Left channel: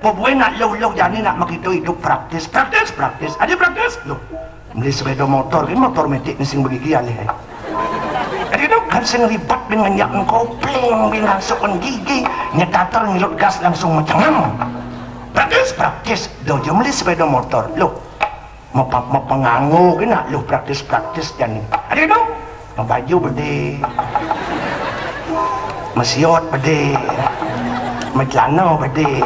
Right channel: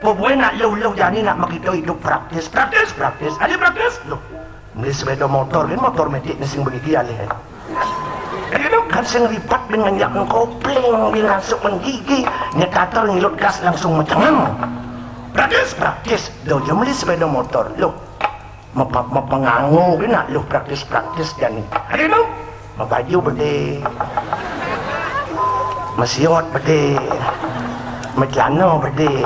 Pokoknya nak low jadi nak makita hidup praktis. Ada praktis? Loh, beli sepeda motor, ini motor metik mesin begigi alih. Jadi dong kan saya ribet dengan yang kopling, langsung gigi, nyetatal ngilut gas langsung mencengam. Praktis. Dah dia beli sepeda motor, loh, mau penganggu, ini nak loh praktis jadi. Ada dong, mau baju berde, masiot berde, majano berde.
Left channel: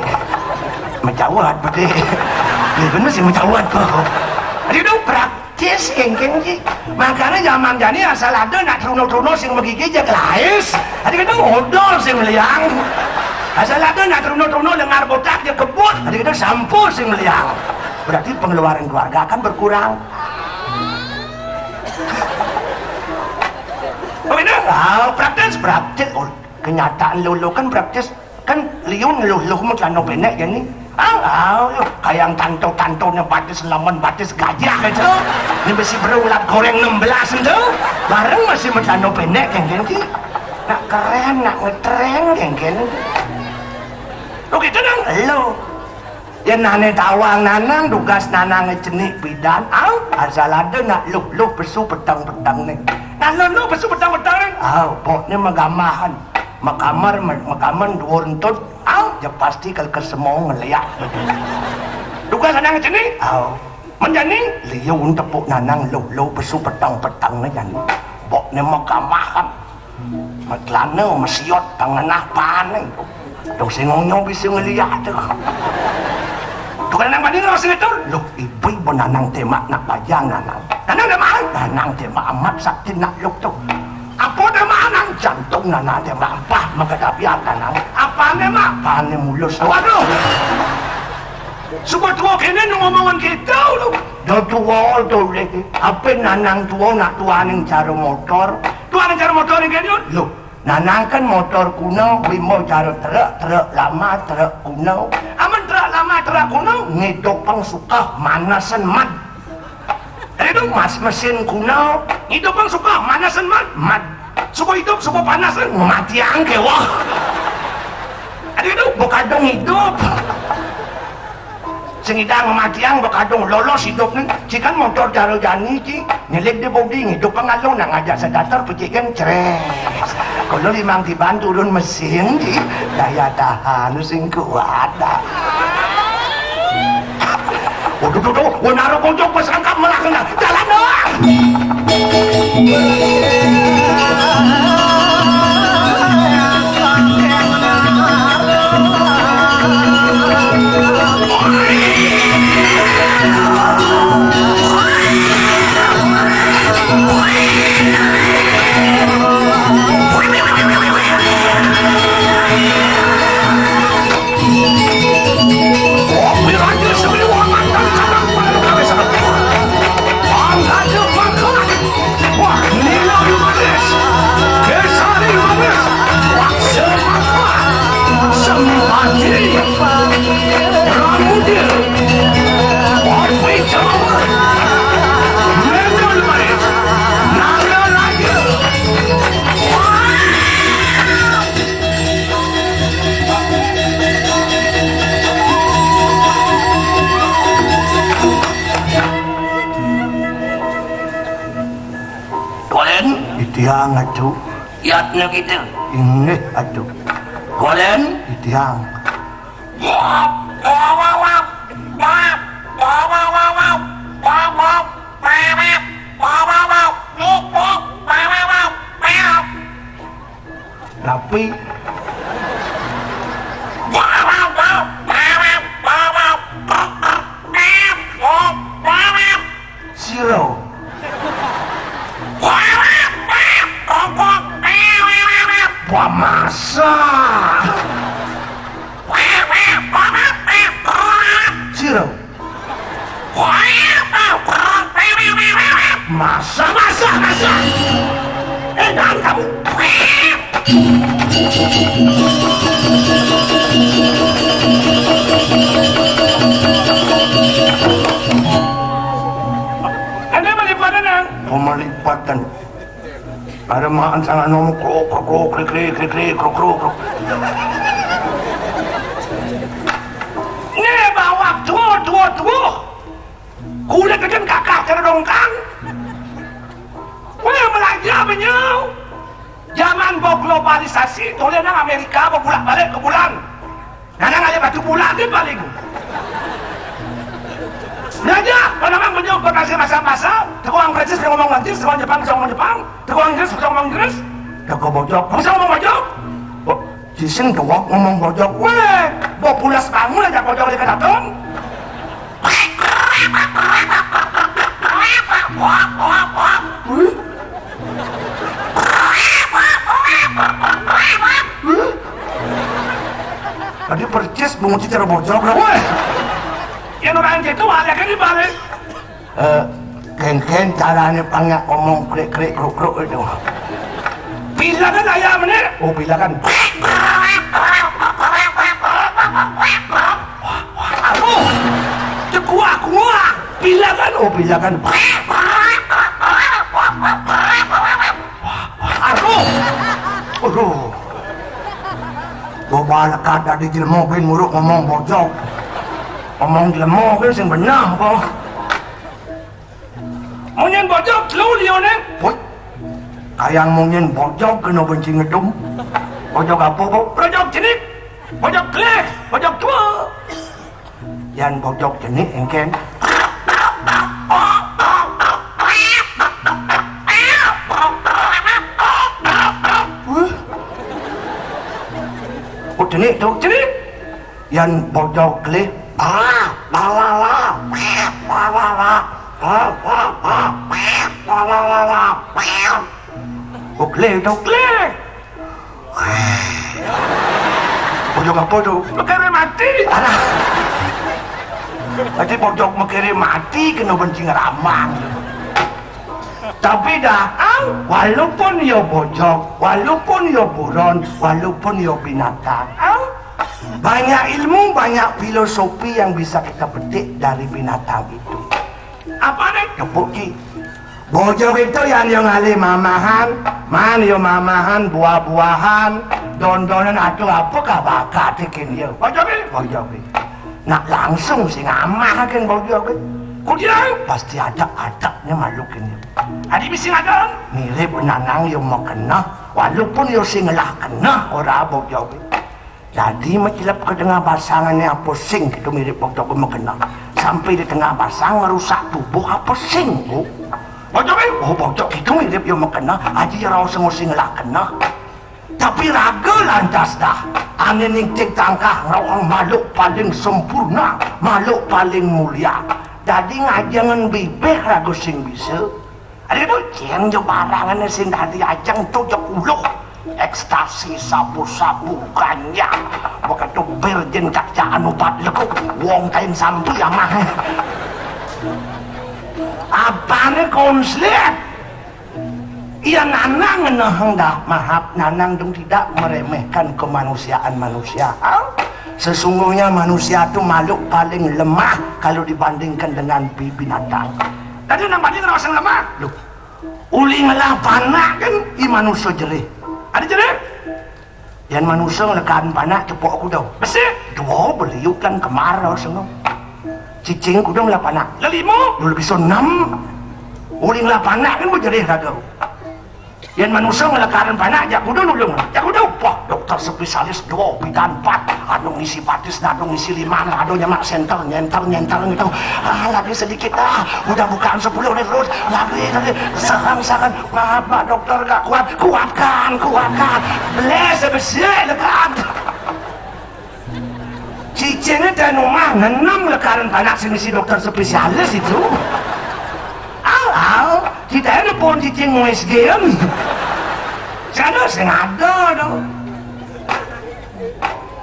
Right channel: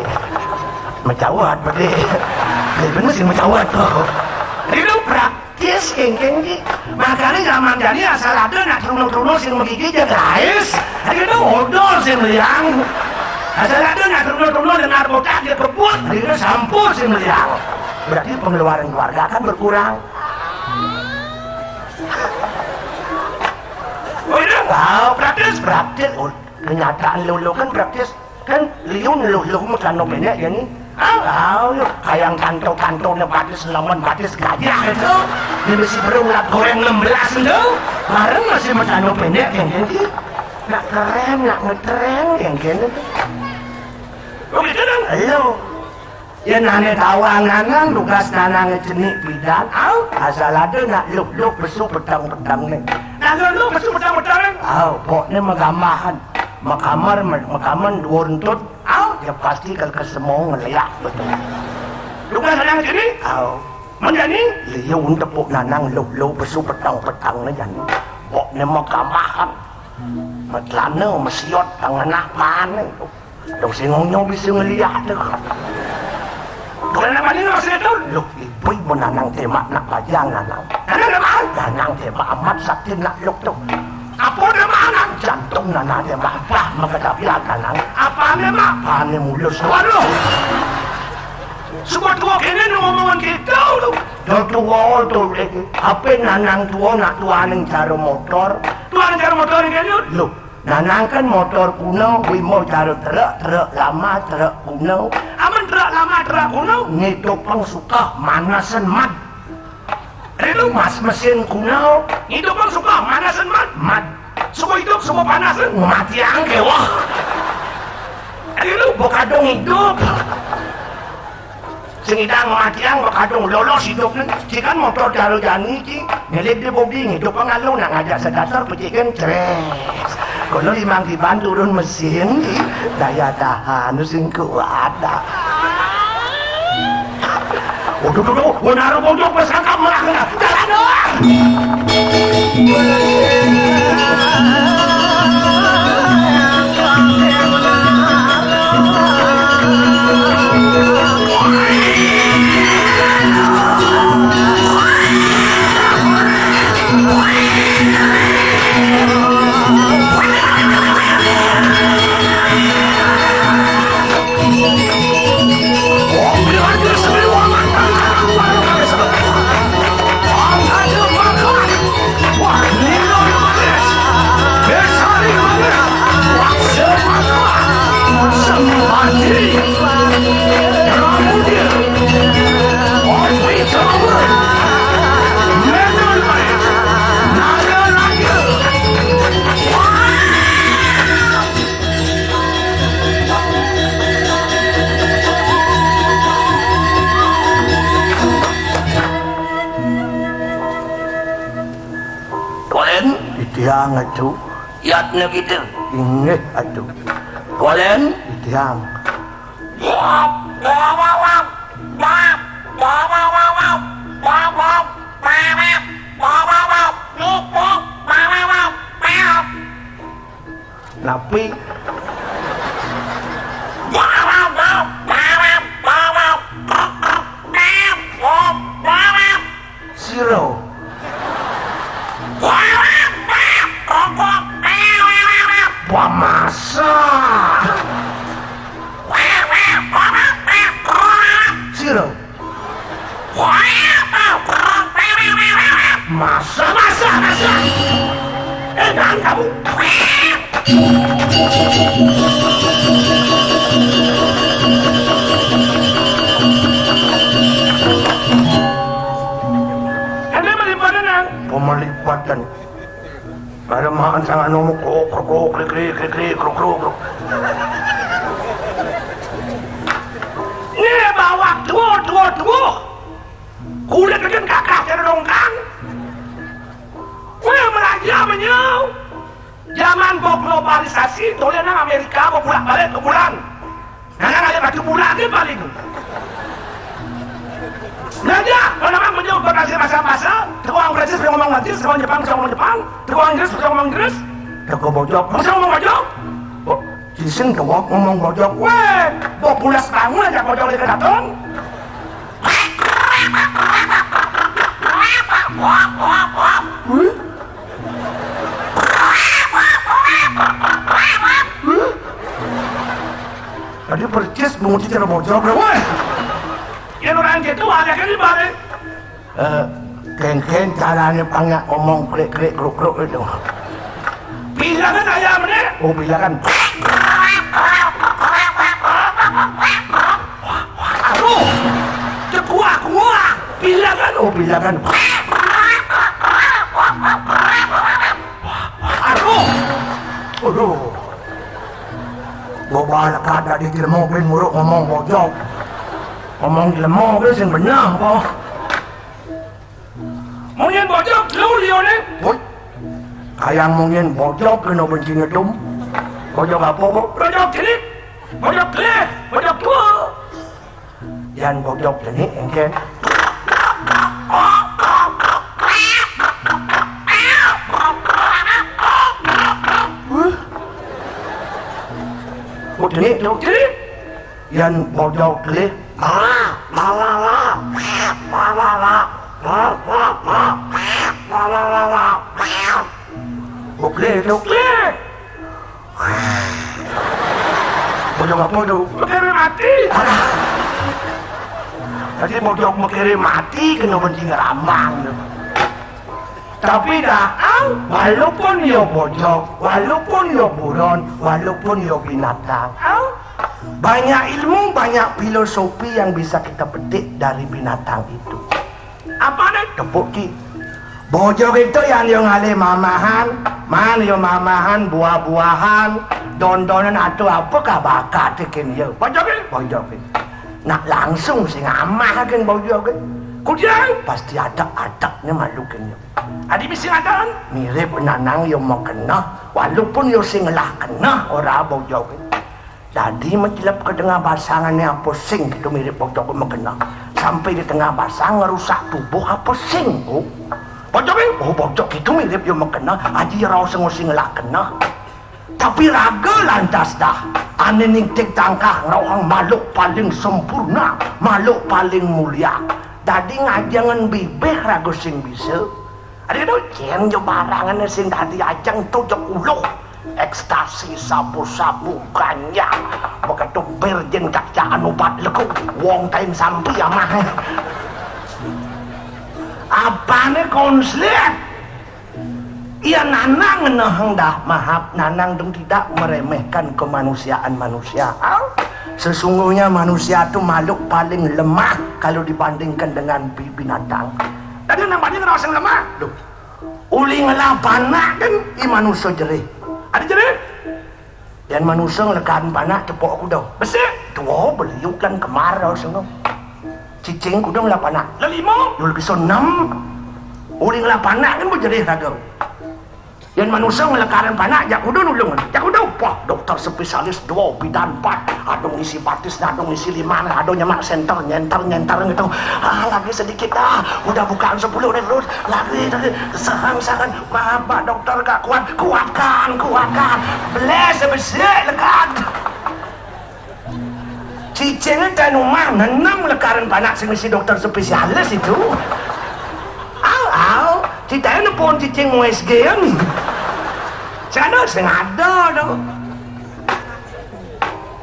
Macawat pada dia benar sih macawat kok. Itu praktis kengkeng sih. Makanya zaman jadi asal ada nak trono sing begigi je lais. Hari kita modal sing meliang. Asal ada nak trono dengar botak je kebut. Hari kita sampur sing meliang. Berarti pengeluaran keluarga akan berkurang. Oh ini praktis. Oh, kenyataan lo kan praktis kan liung lo macam pendek ya ni. Kayak kantong-kantongnya batis lawan batis gajah itu. Ini masih berulang goreng 16 itu. Bareng masih macam pendek yang ganti. Nak keren, nak ngetren yang ganti. Lo gitu dong, lo. Ya nane tawang nanang, tugas nanang jenik bidan. Asal ada nak lo besu petang-petang ni. Nah lo besu petang-petang ni. Pokoknya megamahan. Makaman duruntut, ya pasti ke semua ngeliat. Duga nanang sini, menjani, liya untuk pok nanang lo besu petang-petang na yan. Boknya makamahan, matlana, masyot, panganah panen. Lo singong bisa ngeliat. Duga nanang panin lo sini tuh, lo ibu nanang tema nak pajang nanang. Nanang naman, nanang tema amat sakti nak lok tuh. Apa nama anak jantung nana dia apa magkatabihan nana apa nama paano mulus waduh suka tua kene ngomongan kita lu dan tua tuh apa nanang tua nak tuanin cara motor ini lu nanang kan motor kuno limo cara truk lama truk kuno aman truk lama truk kuno ngitung pang suka manasan mat. Itu mas mesin kuno, itu bang suka manasan mat, suka hidup, suka panasan, mati angke wah. Itu bekadong hidup, sengidang mati ang bekadong lolos hidup nih. Jika motor jaro jani ci, ngelik di bodi hidup pengalung nang ngajak sedatar pecikan cereng. Kalau limang dibantu turun mesin ci, daya tahan sing kuat. Waduh, naruh pojok pesan kamu lah jalan doang. Itiang aduh, yatnya kita. Ini aduh. Kolen, itiang. Tapi Zero. Wah masa Zero. Masa tenang kamu. Ada pelipatan? Pemelipatan. Ada makan sangat nongkrok, krik. Ini bawa tuh. Kulit kan kakak terdongkang. Wah belajar menyau. Zaman globalisasi, tulisan Amerika mau balik ke bulan. Nana aja batu bulan kan paling. Belajar, memang menyau berkasih masa-masa. Tukang Prancis bisa ngomong Prancis, tukang Jepang bisa ngomong Jepang, tukang Inggris bisa ngomong Inggris. Tukang bojok, bisa ngomong bojok. Di sini ngomong bojok. Weh, bawa pulas bangun aja bojok di kedatang. Tadi percis memuji cara bojok, weh. Yang orang gitu ada kan di balik. Ken caranya panggak ngomong krik kruk itu. Bila kan ayam ini? Oh bila kan. Aduh, kuah. Bila kan? Oh bila kan. Aduh. Bawa kada di mobil nguruk ngomong bojok. Ngomong di mobil yang benar kok. Mungkin bojok lu dia ni. Kayak mungkin bojok kena benci ngedum. Bojok apa kok? Bojok jenis. Bojok kleh. Bojok tua. Yang bojok jenis engken. Oh jenis tu jenis. Yang bojok kleh. Klek. Bojok apa tu? Mekere mati. Tadi bojok mekere mati kena benci ngeramang. Tapi dah, walaupun ia bojok, walaupun ia buron, walaupun ia binatang, banyak ilmu, banyak filosofi yang bisa kita petik dari binatang itu. Apa nih? Tepuki. Bojok itu yang ngalih mamahan, buah-buahan, don-donan atau apakah bakat ikan dia. Bojok. Nak langsung sih ngamah kan bojok. Kudian pasti ada adabnya makhluk ini. Adi bisi ada? Mirip nanang yang mau kena, walaupun yang singlah kena orang bojok. Jadi macam ke tengah basangan yang pusing itu mirip bojok mau kena. Sampai di tengah basang merusak tubuh apa pusing bu. Bojok ni? Oh bojok itu mirip yang mau kena, aji rau singlah kena. Tapi raga lantas dah. Ane ning tangkah rawang makhluk paling sempurna, makhluk paling mulia. Tadi ngajangan bibir raga sing bisa. Ada tu ceng jo barangan sing tadi ajang tu jo uluh. Ekstasi sapu-sapu ganja. Begitu virgin kakcaan ubat lekuk. Wong kain sampai amah. Apa ni konslet? Ia nanang hendak maaf nanang dan tidak meremehkan kemanusiaan manusia. Sesungguhnya manusia itu makhluk paling lemah kalau dibandingkan dengan binatang. Tadi namanya kenapa yang lemah? Duh, uli ngelah panak kan i manusia jerih. Ada jerih? Yang manusia ngelekan panak tepuk aku dah. Besar? Dua beliuk kan kemarau semua. Cicing aku dah ngelah panak. Lelima? Dulu bisa 6. Uli ngelah panak kan berjerih raga. Yang manusia melekaran panak, jak kudu nulungan. Jak kudu, wah dokter spesialis 2 bidan 4. Ada ngisi batis, ada ngisi 5, ada nyemak senter, nyentar gitu. Lagi sedikit, udah bukaan 10 nih terus. Lagi, sarang. Bapak dokter gak kuat, kuatkan. Beles, sebesar, lekat. Cicingnya dan rumah, 6 lekaran panak semisi dokter spesialis itu. Tidak ada pun cicing USG kan? Saya ada dong.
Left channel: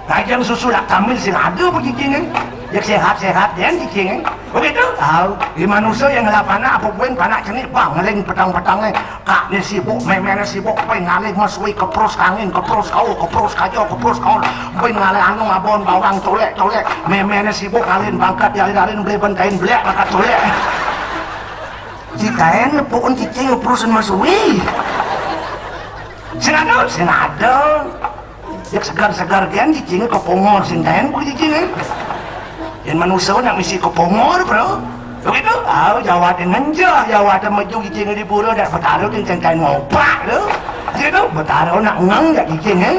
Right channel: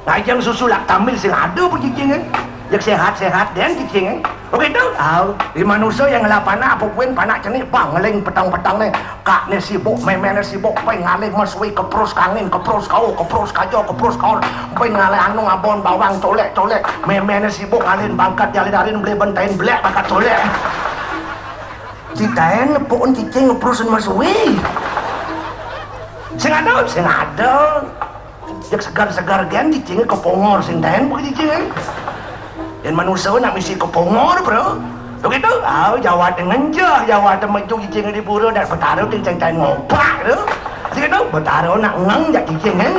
Lagi susu lak tamil saya ada pun cicing kan? Jak sehat-sehat dan cicing. Begitu? Tahu. Di manusia yang lapana apa pun panak cenik bang ngeling petang-petang nih. Kak nih sibuk, memang sibuk, pengen ngalih masuk kepros angin, kepros kau, kepros kajo, kepros kau. Pengen ngalih anu ngabon bawang tolek. Memang sibuk ngalih bangkat jalan-jalan beli bentain belek bangkat tolek. Citain pokoknya cicing ngeprosin masuk. Sengadon. Jak segar-segar kan cicingnya kepongor sintain bukan cicingnya. Dan manusia nak misi kepongor bro. Begitu? Jawa dengan Jawa sama itu cicingnya di pura dan bertaruh dengan cintain ngopak tu. Begitu? Bertaruh nak ngeng jak cicingnya.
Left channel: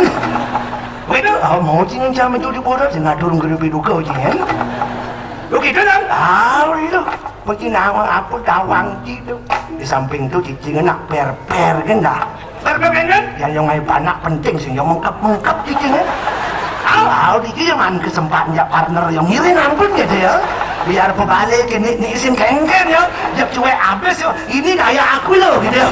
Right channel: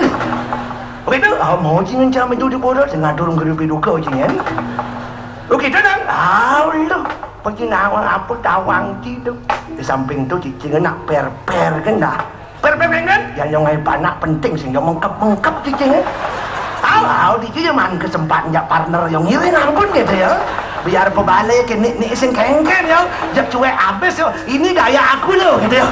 Begitu? Mau cicing jam itu di pura sengadon gerugi-duga cicingnya. Begitu kan? Lu pergi nawang apa tawang itu. Di samping tu cicingnya nak per-per kan dah. Per-per-per yang nyongai panak penting sehingga mengkap cicingnya. Di kiaman kesempatnya partner yang ngiring ampun gitu ya. Biar pebalik ini isin kengken ya. Jak cuek abis ya. Ini gaya aku loh gitu ya.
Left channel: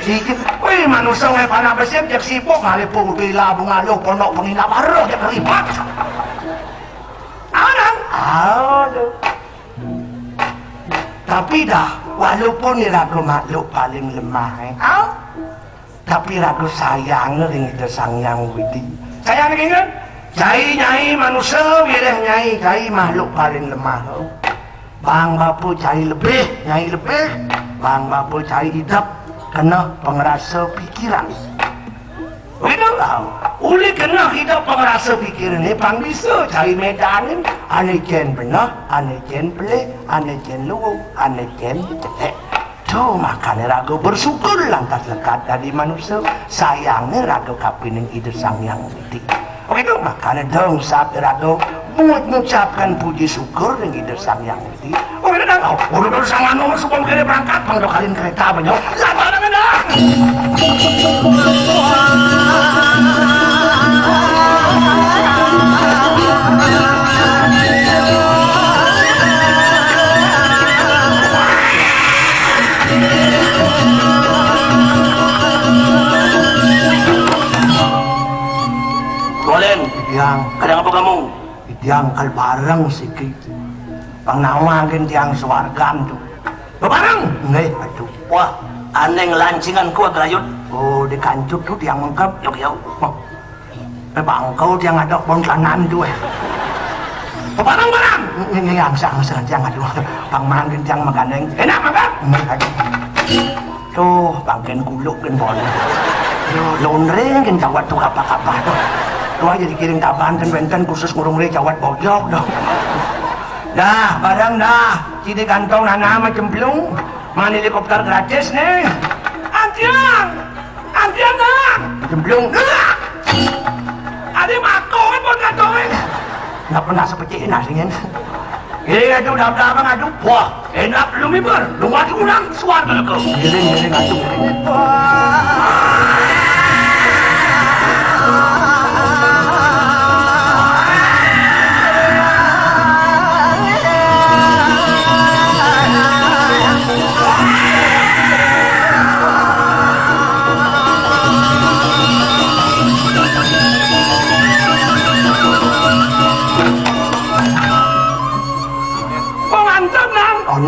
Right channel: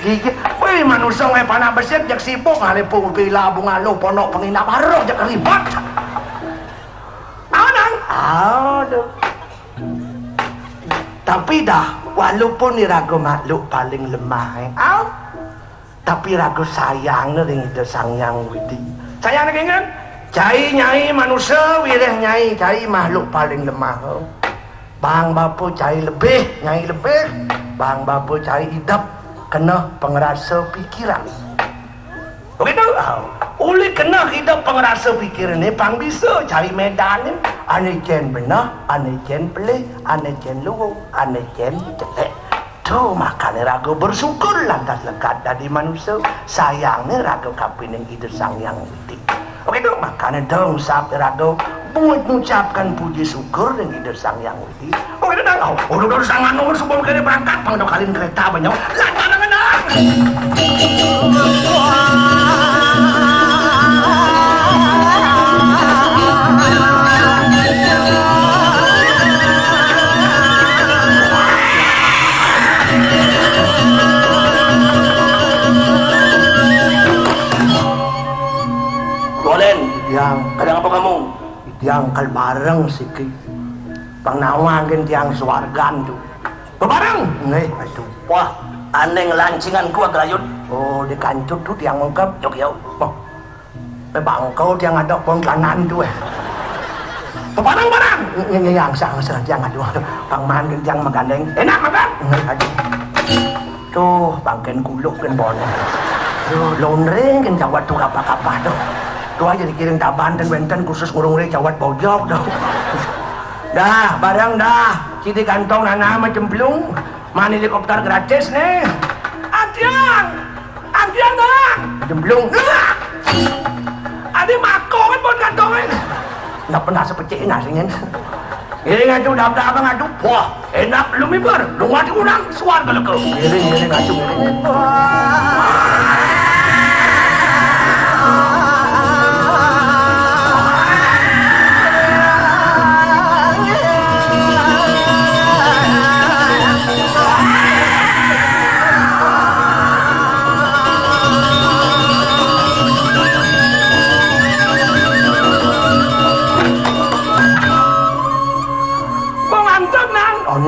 Cicing. Wih manusia ngai panak besar jak sibuk hari pun gila bunga lo ponok pengina baru jak ribet. Aduh. Tapi dah walaupun ni ragu makhluk paling lemah tapi ragu sayang ni kita sayang gitu. Sayang ni kan cai nyai manusia boleh nyai cai makhluk paling lemah. Bang bapu cai lebih nyai lebih. Bang bapu cai hidup kena pengerasa pikiran. Begitu? Oleh kena hidup pengerasa pikiran ni pang bisa cari medan ni. Ane jen benar, ane jen pelik, ane jen lugu, ane jen jelek. Tu makanya ragu bersyukur lah dekat dari manusia. Sayangnya ragu kapinin itu sang yang titik. Begitu? Makanya dong saat ragu buat mengucapkan puji syukur dan itu sang yang titik. Oh ya dah, udah sama nomor sebelum kena berangkat, kalau kalian kereta banyak. Lantaran benar. Kadang apa kamu? Yang kalbarang sikit. Pangnawangan yang suargan tu. Bebarang? Nih, aduh. Wah, aneng lancingan ku agayot. Oh, di kancut tu yang mengkap. Yuk. Oh. Bang kau yang ada pongkanan tu. Bebarang. Ini angsang jangan aduh. Pang mangin yang magandeng. Enak makan? Nih, aduh. Tuh, bangken kuluk kan boleh. Lonreng kan jawat tu apa-apa tu. Tuh jadi kirim taban dan benten khusus ngurung jawat bojok dong. Dah, barang dah. Citi kantong nana macam belum. Mana helikopter gratis nih. Antian dah. Jemblung. Ada mako kan pun kantongin. Nggak pernah seperti ini aslinya. Ini ngadu dah abang ngadu. Wah, enak belum ibar. Lu ngadu kurang suar kalau kau. Ini ngadu.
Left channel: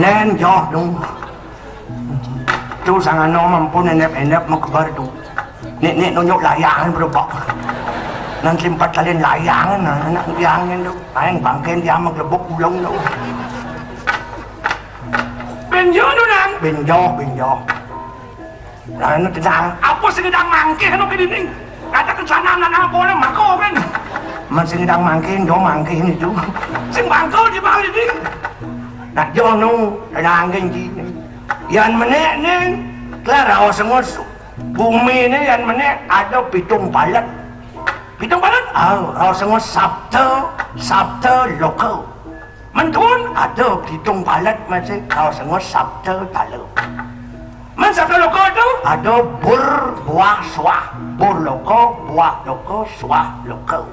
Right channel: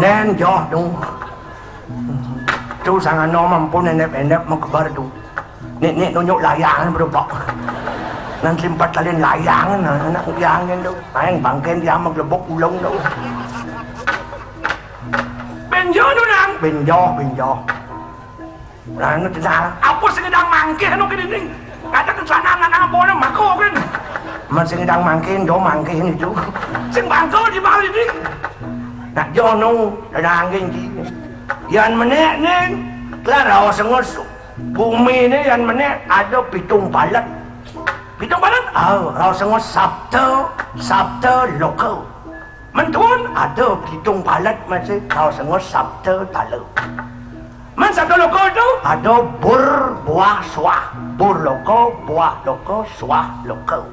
Nen jauh dong. Tu sangat nomor pun enak mengkebar tu. Nek nonyok layangan berubah. Nanti 4 kali layangan anak layangan tu. Ayang bangken dia maglebok ulong tu. Benjo tu nang. Benjo. Lalu tenang. Apa sedang mangke kan oke dinding. Kata ke sana anak bola mako kan. Masih sedang mangkin do mangkin itu. Sing bangko di bawah dinding. Nak jono langin gini. Yang menek ni, klara semua bumi ni yang menek ada pitung balat. Pitung balat? Semua sabta lokal. Mentun ada pitung balat macam semua sabta talu. Man sabta lokal tu ada buah suah. Bur lokal, buah lokal, suah lokal.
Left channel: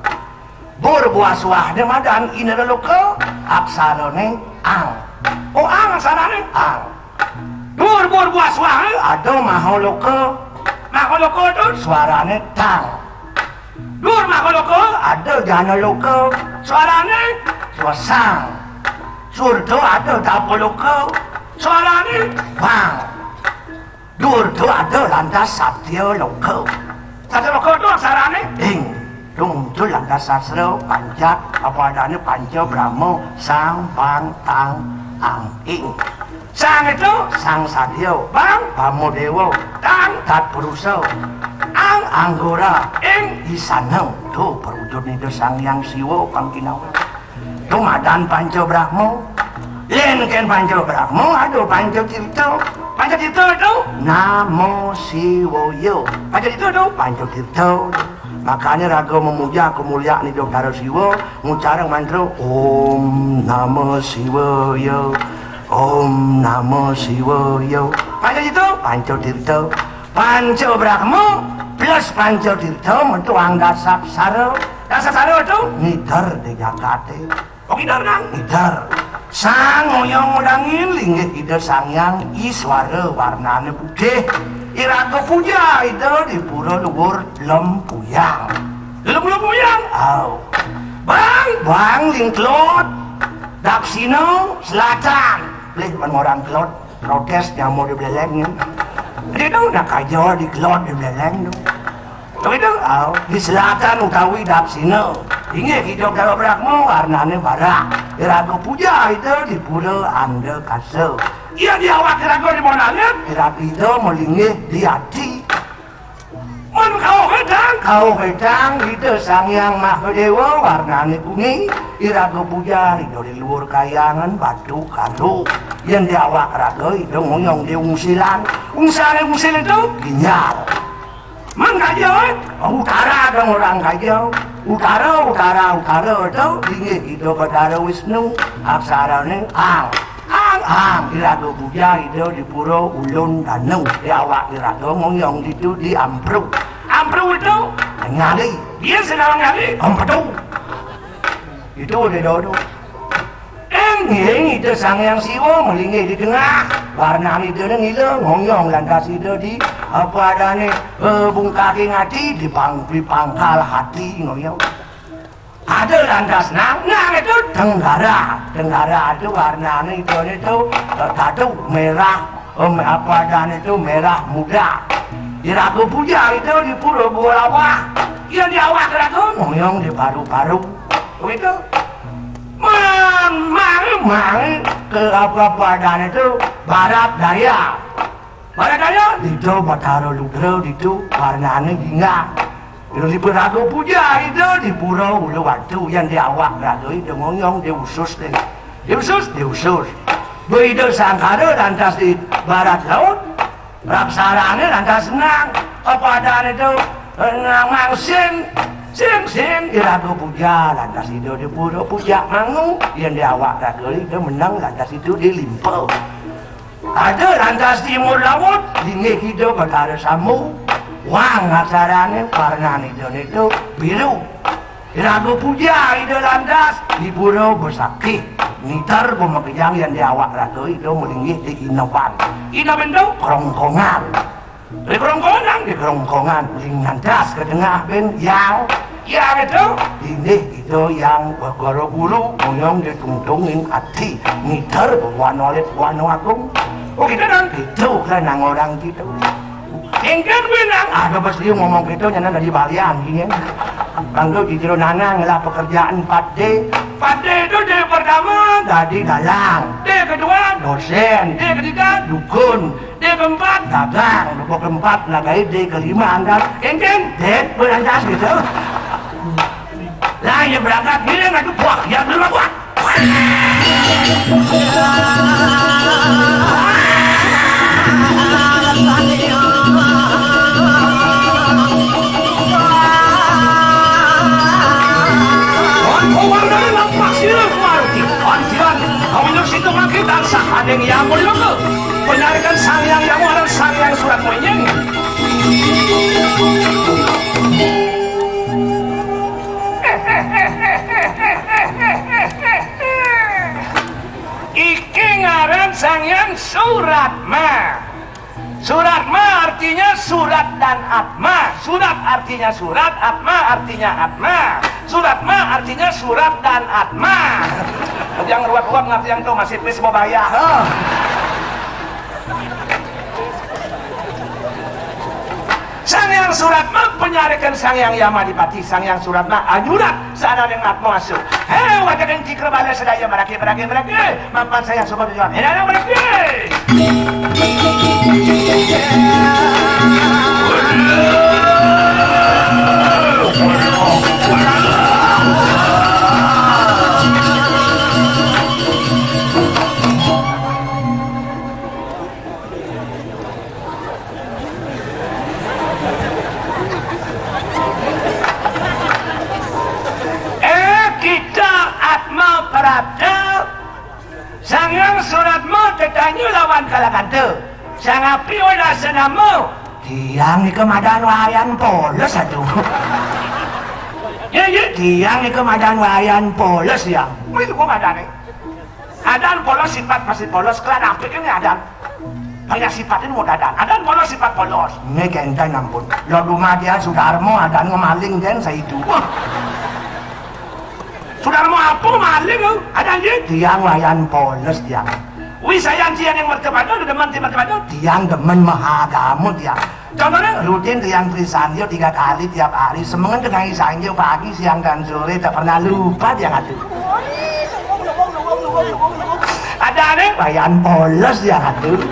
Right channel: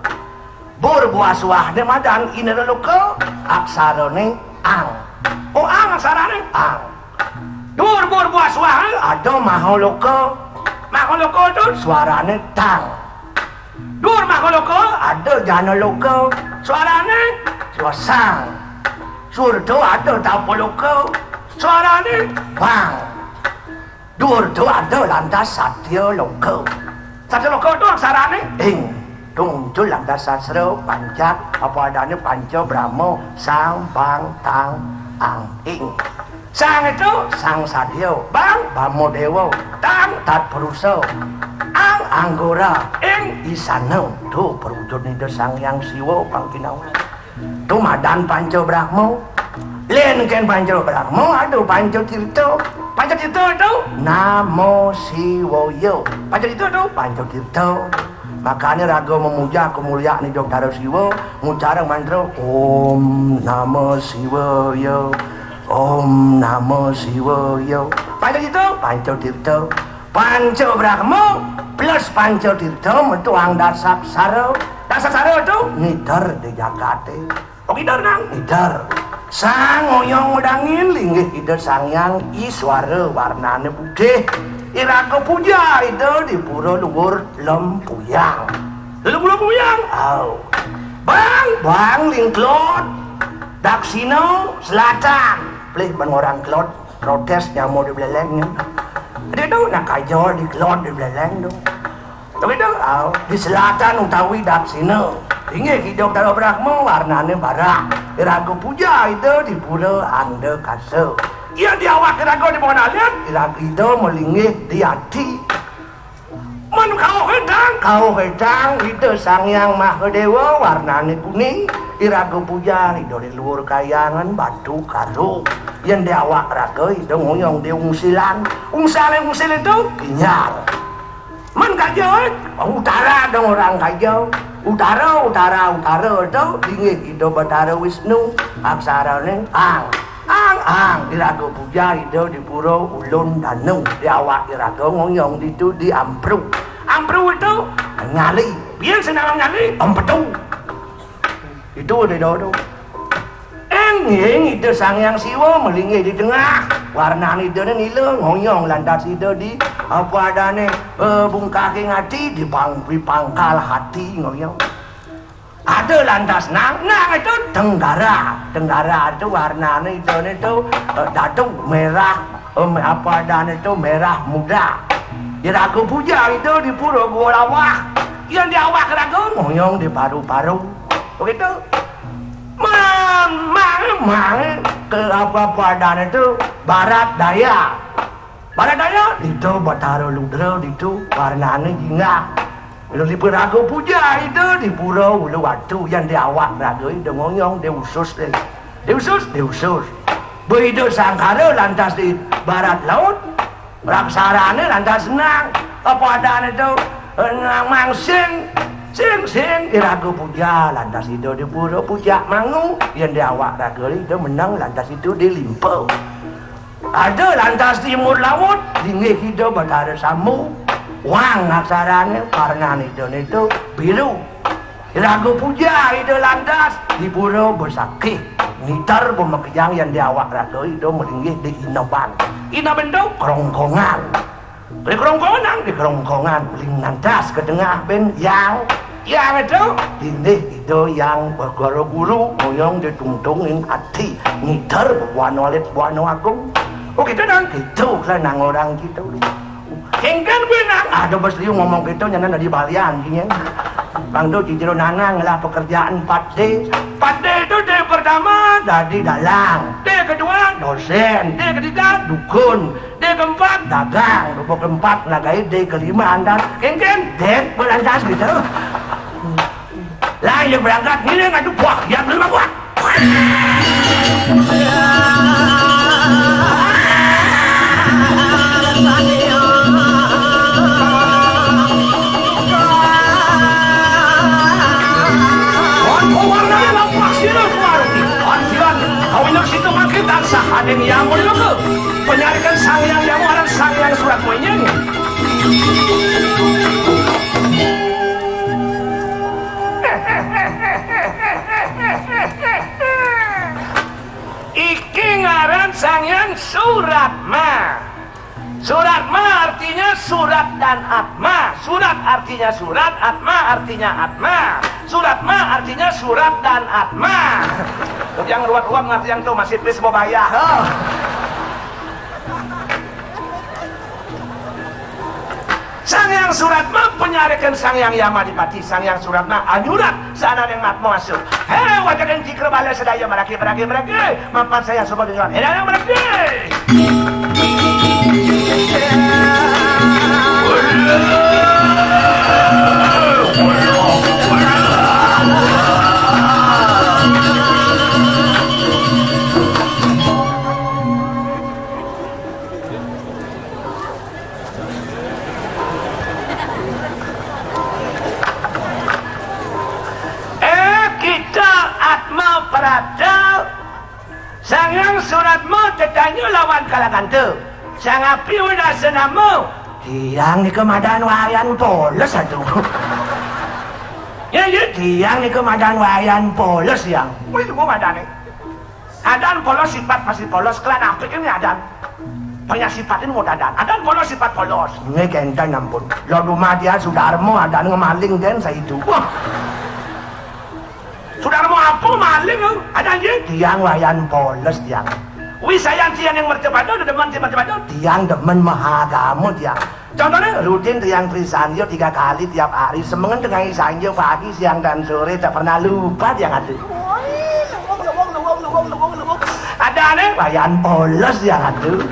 Bur buah suah ni madan inara lokal, aksara ni ang. Oh ang aksara ni ang. Bur buah suah ni ada mahal lokal, Makoloko itu suaranya tang. Dur makoloko ada jana loko suaranya sang. Surdo ada tapoloko suaranya bang. Dur tu ada landas satya loko. Satya loko itu aksaranya ing. Tung landas sastra pancat apa adanya panca brahmo sang bang tang ang ing. Sang itu sang satya, bang bamo dewa, tang tat purusa, ang anggora, ing isanang. Tu perutun itu sang yang siwa pangkinawan. Tu madan panca brahmo, len ken panca brahmo, aduh panca tirta. Panca tirta itu namo siwoyo. Panca tirta itu panca tirta. Makanya raga memuja kemuliaan hidup Dara Siwa, mengucara mantra Om Namo Siwaya, Om Namo Siwaya. Panca itu Panca Tirta, Panca Brahma plus Panca Tirta mentuang dasar sara. Dasar sara itu nidar di Jakarta. Oh nidar nang nidar. Sang moyong modangin linggit ide sangyang iswara warnane putih. Iraga puja itu di pura luhur Lempuyang. Lempuyang? Oh. Bang lingklot. Daksina selatan. Pelih orang klot protes nyamuk di beleleng. Dia tahu nak kajol di klot di beleleng. Tapi itu di selatan utawi daksina. Ingat hidup Dara Brahma warnanya barak. Iraga puja itu di pura Anda Kasau. Ia diawak iraga di mana lihat? Iraga itu melinggih di hati. Men kau hedang itu sang yang Mahadewa warnanya kuning. Iraga puja itu di luar kayangan batu karu. Yang diawak iraga itu ngoyong di ungsilan. Ungsilan itu ginyal. Men kajau, utara dong orang kajau. Utara itu dingin itu Batara Wisnu. Aksaranya ang iraga puja itu di pura Ulun Daneng. Diawak iraga ngoyong itu di Ampruk. Ampruk itu ngali. Biar sedang ngali Ampetu. Itu di dorong. Enging itu sang yang siwa melinggi di tengah. Warna itu ngilang ngoyong lantas itu di apa adanya bungkaki ngati di pangkal hati ngoyong. Ada lantas nang itu tenggara itu warnanya itu datuk merah apa adanya itu merah muda. Iraga puja itu di pura Bolawah. Yang diawak iraga ngoyong di paru-paru. Begitu. Mang ke apa adanya itu barat daya itu Batara Ludra itu warnanya ginga. Di Raga puja itu di pulau Uluwatu yang diawak raga itu ngoyong di usus. Begitu sangkara lantas di barat laut raksaranya lantas senang apa adanya itu nang sing iraga puja lantas itu di pura puja mangung yang diawak raga itu menang lantas itu dilimpau. Ada lantas timur laut linggih itu Batara Samu. Wang aksaranya warna itu biru. Iraga puja itu lantas di pura Bersakti. Ngitar pemakaian yang diawak raga itu melinggih di Inaban. Inaban itu kerongkongan. Di kerongkongan lingantas ke tengah ben yang itu dinding itu yang bergoro bulu ngoyong ditungtungin hati. Ngitar warna agung. Oh gitu dong, gitu kan orang gitu. Kengkan benang, ada besliu ngomong gitu nyana dari balian gini. Bangdo jijiro nanang lah pekerjaan 4D. 4D itu D pertama dari dalang, D kedua dosen, D ketiga dukun, D keempat dagang, D keempat nagai D kelima anda. Kengkan, D berandas gitu. Lah yang berangkat gini ngadu buah, yang kelima buah. Ada yang menunggu penarikan sang yang warna sang yang surat menyeng. Iki ngaran sang yang Suratma. Suratma artinya surat, atma artinya atma. Surat ma artinya surat dan atma. Yang ruwet-ruwet ngerti yang tuh masih please mau bayar. Sang yang surat ma penyarikan sang yang Yamadipati, sang yang surat ma ajulah sana yang atma masuk. Hei wajakan cikra bala sedaya meraki mampan saya semua dengan hei meraki. Sangang suratmu tetanyu lawan kalangan tu. Sangat piulah senamu. Tiang ni kemadan wayan polos aduh. Ya, tiang ni kemadan wayan polos yang. Itu kemadan ni. Adan polos sifat pasti polos. Kelan apik ini adan. Banyak sifatin mau dadan. Adan polos sifat polos. Ini kentang ampun. Lo rumah dia sudarmu adan ngemaling dan saya hidup. Saudara mau apa maling ada dia tiang wayan polos tiang wisayang tiang yang mercepadu demen tiang tiang demen mahagamu tiang contohnya rutin tiang Trisanjo 3 kali tiap hari semengen dengan Sanjo pagi siang dan sore tak pernah lupa tiang ada aneh wayan polos tiang aduh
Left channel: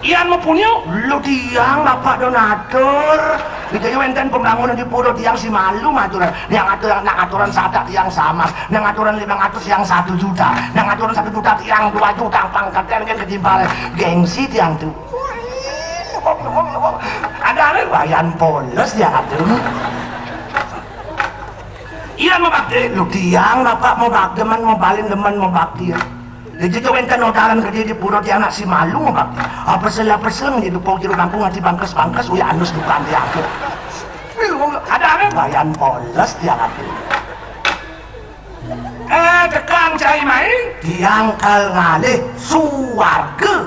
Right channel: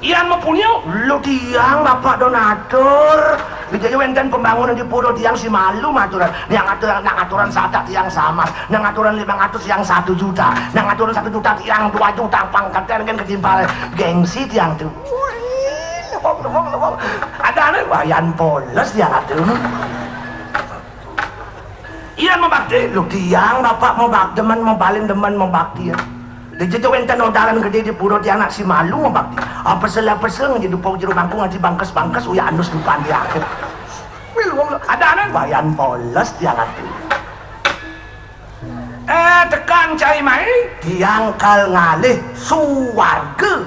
yang mempunyai lu tiang bapak donatur Bijaya wenten pembangunan di Puro tiang si malu aturan yang aturan sadak tiang sama yang aturan 500 yang 1 juta yang aturan 1 juta tiang 2 juta pangkat yang ketimbal gengsi tiang tuh ada aneh wayan polos ya aduh iya mau bakti lu tiang bapak mau bakti demen mau balin demen mau bakti ya jadi itu wenten odalan gede di Puro tiang nak si malu mau bakti pesel di dupau juru kampung nanti bangkes uya anus depan dia aku ada aneh bayan polos dia lagi tekan cai main tiang kal ngalih suwarga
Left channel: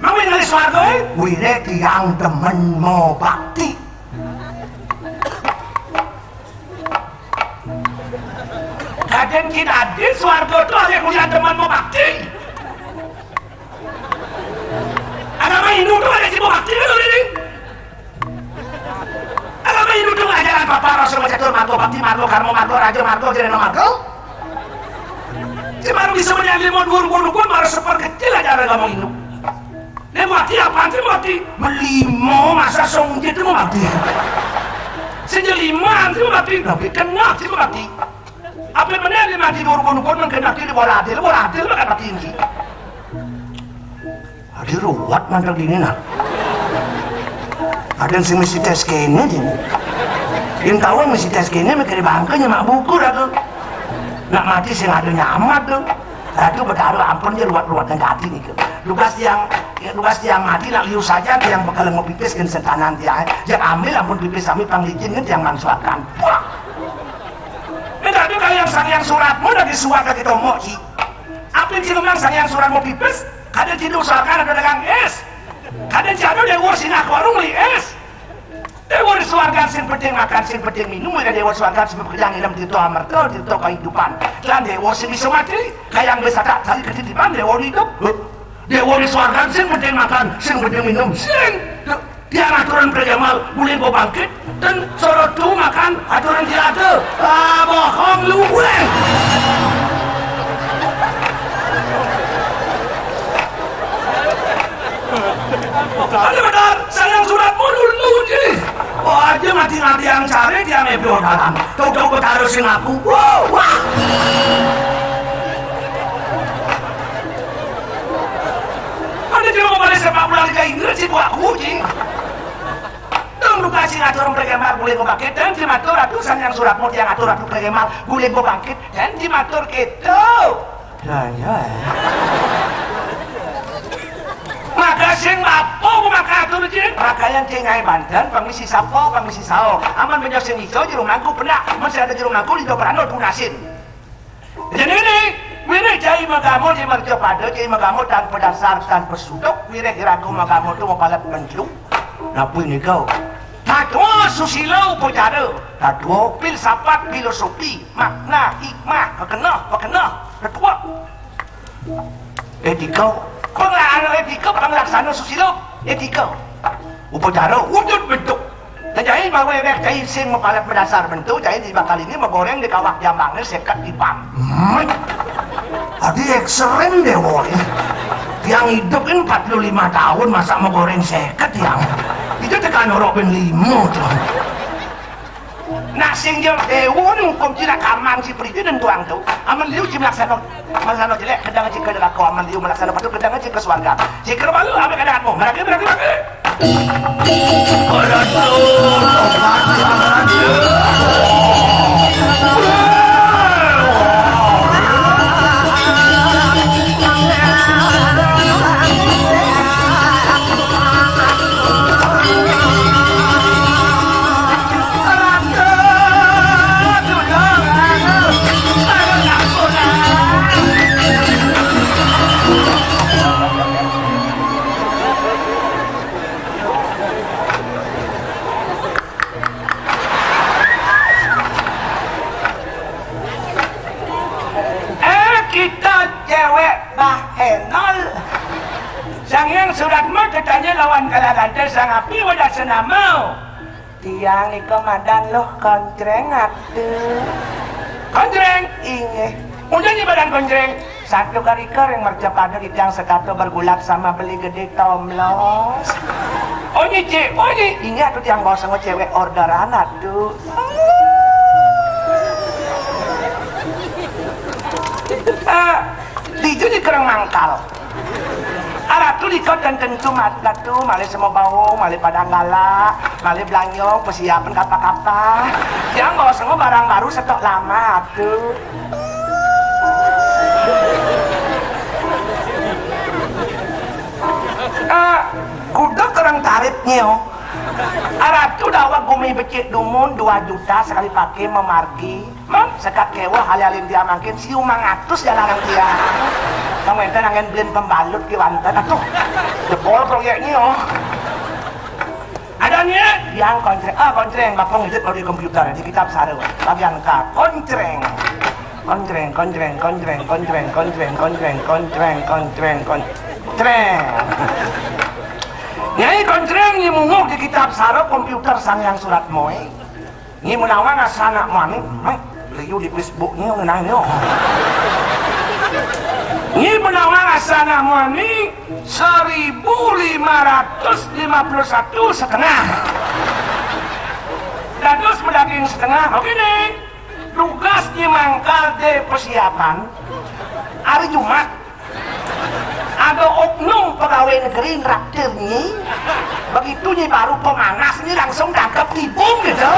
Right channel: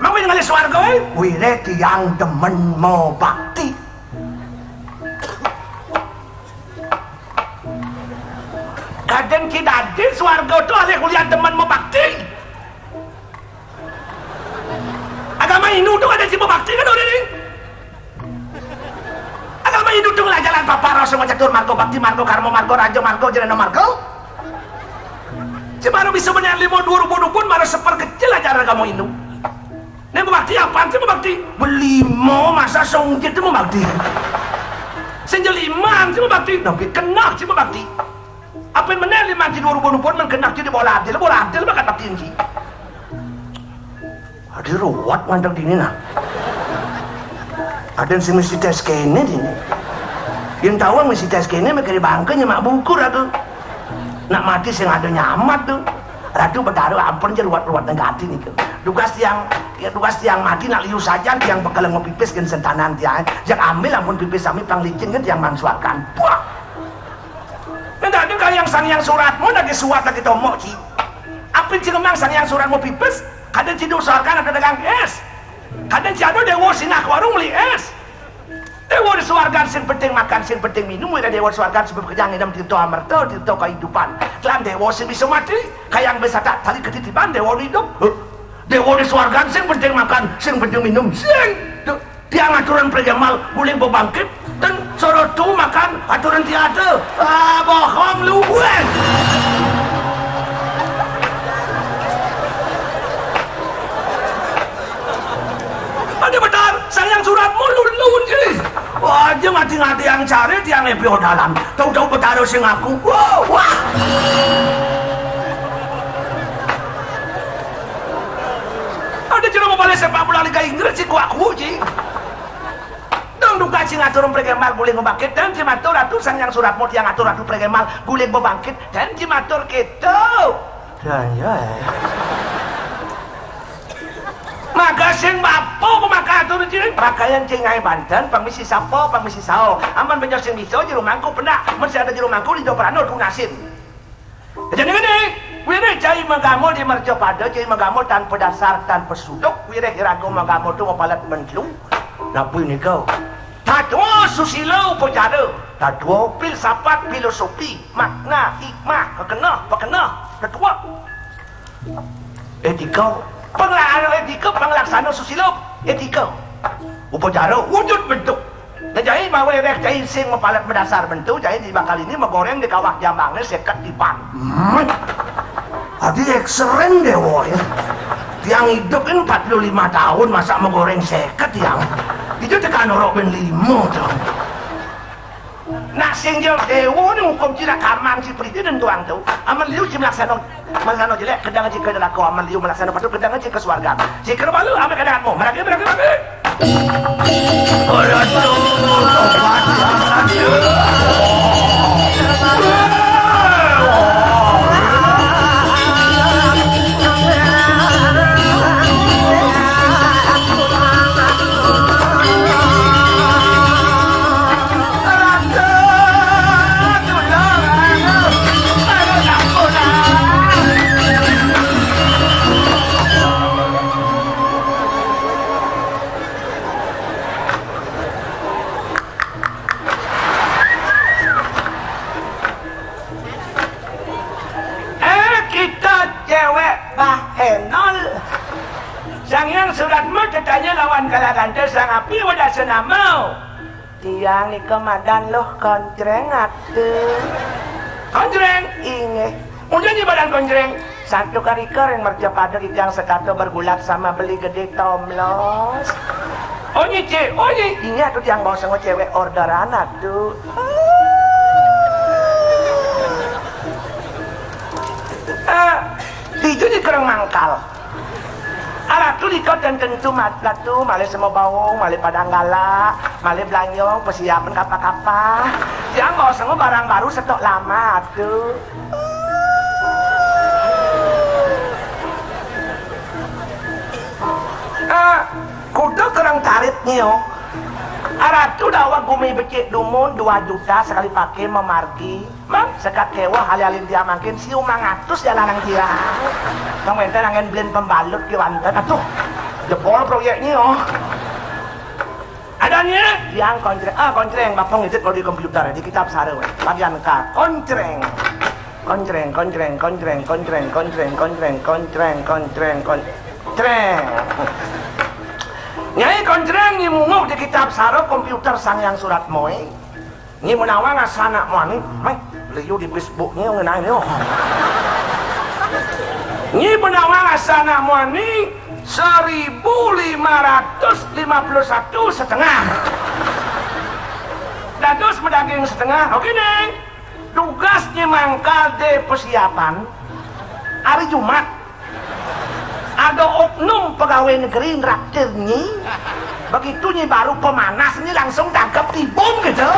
mau ngalih suwarga wire tiang demen mau bakti kadang kita di suwarga tuh ada kuliah demen mau bakti agama Hindu tuh ada si mau bakti kan udah ini agama Hindu tuh lah jalan paparo sama catur margo bakti margo karmo margo rajo margo jereno margo si baru bisa menyalin mau 2020 pun baru seperkecil aja agama Hindu ini mau bakti apaan sih mau bakti melimo masa songjit itu mau bakti senjeliman sih mau bakti doki kena sih mau bakti apa yang menyalin manti 2020 pun mengkena di bola adil mah kata tinggi ada ruwet mandang dini nah ada yang mesti tes kene dini yang tahu mesti tes kene mereka di bangka nyemak buku lah tuh nak mati yang ada nyamat tuh aduh bertaruh ampun aja ruwet-ruwet dengan hati nih tugas tiang mati nak liu saja tiang bakal mau pipis dan setanan tiang yang ambil ampun pipis kami pang licin kan tiang mansuakan wah enggak ada kayak yang sangian suratmu lagi suat lagi tomok ki apa yang cilomang sangian suratmu pipis kadang tidur usahakan ada dagang es kadang jatuh dewa sinak warung beli es dewa disuakan sin penting makan sin penting minum dan dewa disuakan sin pekerjaan dalam tirto amarto tirto kehidupan dan dewa sin bisa mati kayak yang bisa tak tali ketitipan dewa hidup dewa disuakan sin penting makan sin penting minum sin tiang aturan prejamal boleh bawa bangkit dan sorotu makan aturan tiada bohong luwen ada benar sayang suratmu lulun gini wah dia mati-mati yang cari dia nebio dalam tahu-tahu bertaruh sing aku wah ada juga mau balik sepak bola Liga Inggris sih buat kucing dong duga sing aturan pregemal boleh membangkit dan jimatur ratusan yang suratmu yang atur ratu pregemal boleh membangkit dan jimatur gitu ya maka sing mapo maka atur jin pakaian cengai Banten pamisi sapo pamisi sao aman benjo sing iso jero mangku pernah masih ada jero mangku di Dobrano tunasin jadi ini wire cai magamu di Marjopado cai magamu tanpa dasar tanpa sudok wire kirago magamu tu mapalat mencluk napu ini kau Tadwa susilo pojada, tadwa filsafat filosofi, makna, hikmah, pekenah, tadwa. Etika, penglaksana susilo, etika. Upojada wujud bentuk. Jadi mau ewek cai sing mepalet berdasar bentuk, jadi di bakal ini menggoreng di kawah jambangnya sekat di pan. Tadi ekstrim deh woy. Yang hidup ini 45 tahun masa menggoreng sekat yang itu tekan orang ben 5 tuh. Nah sing jauh dewa nih hukum cina kamang si periti dan tuang tuh. Aman liu si melaksana jelek kedang jika ada kau aman liu melaksana patu kedang jika swarga. Jika balu aman kedang mau meragi. Orang tuh tobat lagi. Sangyang surat mau tetanya lawan kalangan sang api wadah senamau. Tiang komandan loh kontreng atuh. Kontreng? Inge. Udah di badan kontreng. Satu kali kering merja pada yang sekato bergulak sama beli gede tomlos. Onye cek, onye. Ingat tuh yang mau sama cewek orderan atuh. Itu di kerang mangkal. Arab tu dikau dan tentu matlah tu malih semua bawang, malih padang gala, malih belanyong, persiapan kapal-kapal. Jangan bawa semua barang baru stok lama tu. Kuda kerang taritnya. Arab tu dawa bumi becik dumun 2 juta sekali pakai memarki. Bang, sekat kewa hal-halin dia makin siu mangatus jalan yang dia. Kamu itu nangen blend pembalut ke wantan atuh. Jepol proyeknya oh. Adanya yang kontreng bapong itu kalau di komputer di kitab saru bagian K kontreng. Nyai kontreng yang munggu di kitab saru komputer sang yang surat moe. Ini menawan asana mani, beliau di Facebooknya ngenanya. Ini menawan asana mani 1.551 setengah. Dados pedaging setengah, oke nih. Tugasnya mangkal de persiapan hari Jumat. Ada oknum pegawai negeri ngeraktirnya. Begitu nih baru pemanas ini langsung tangkap tibung gitu.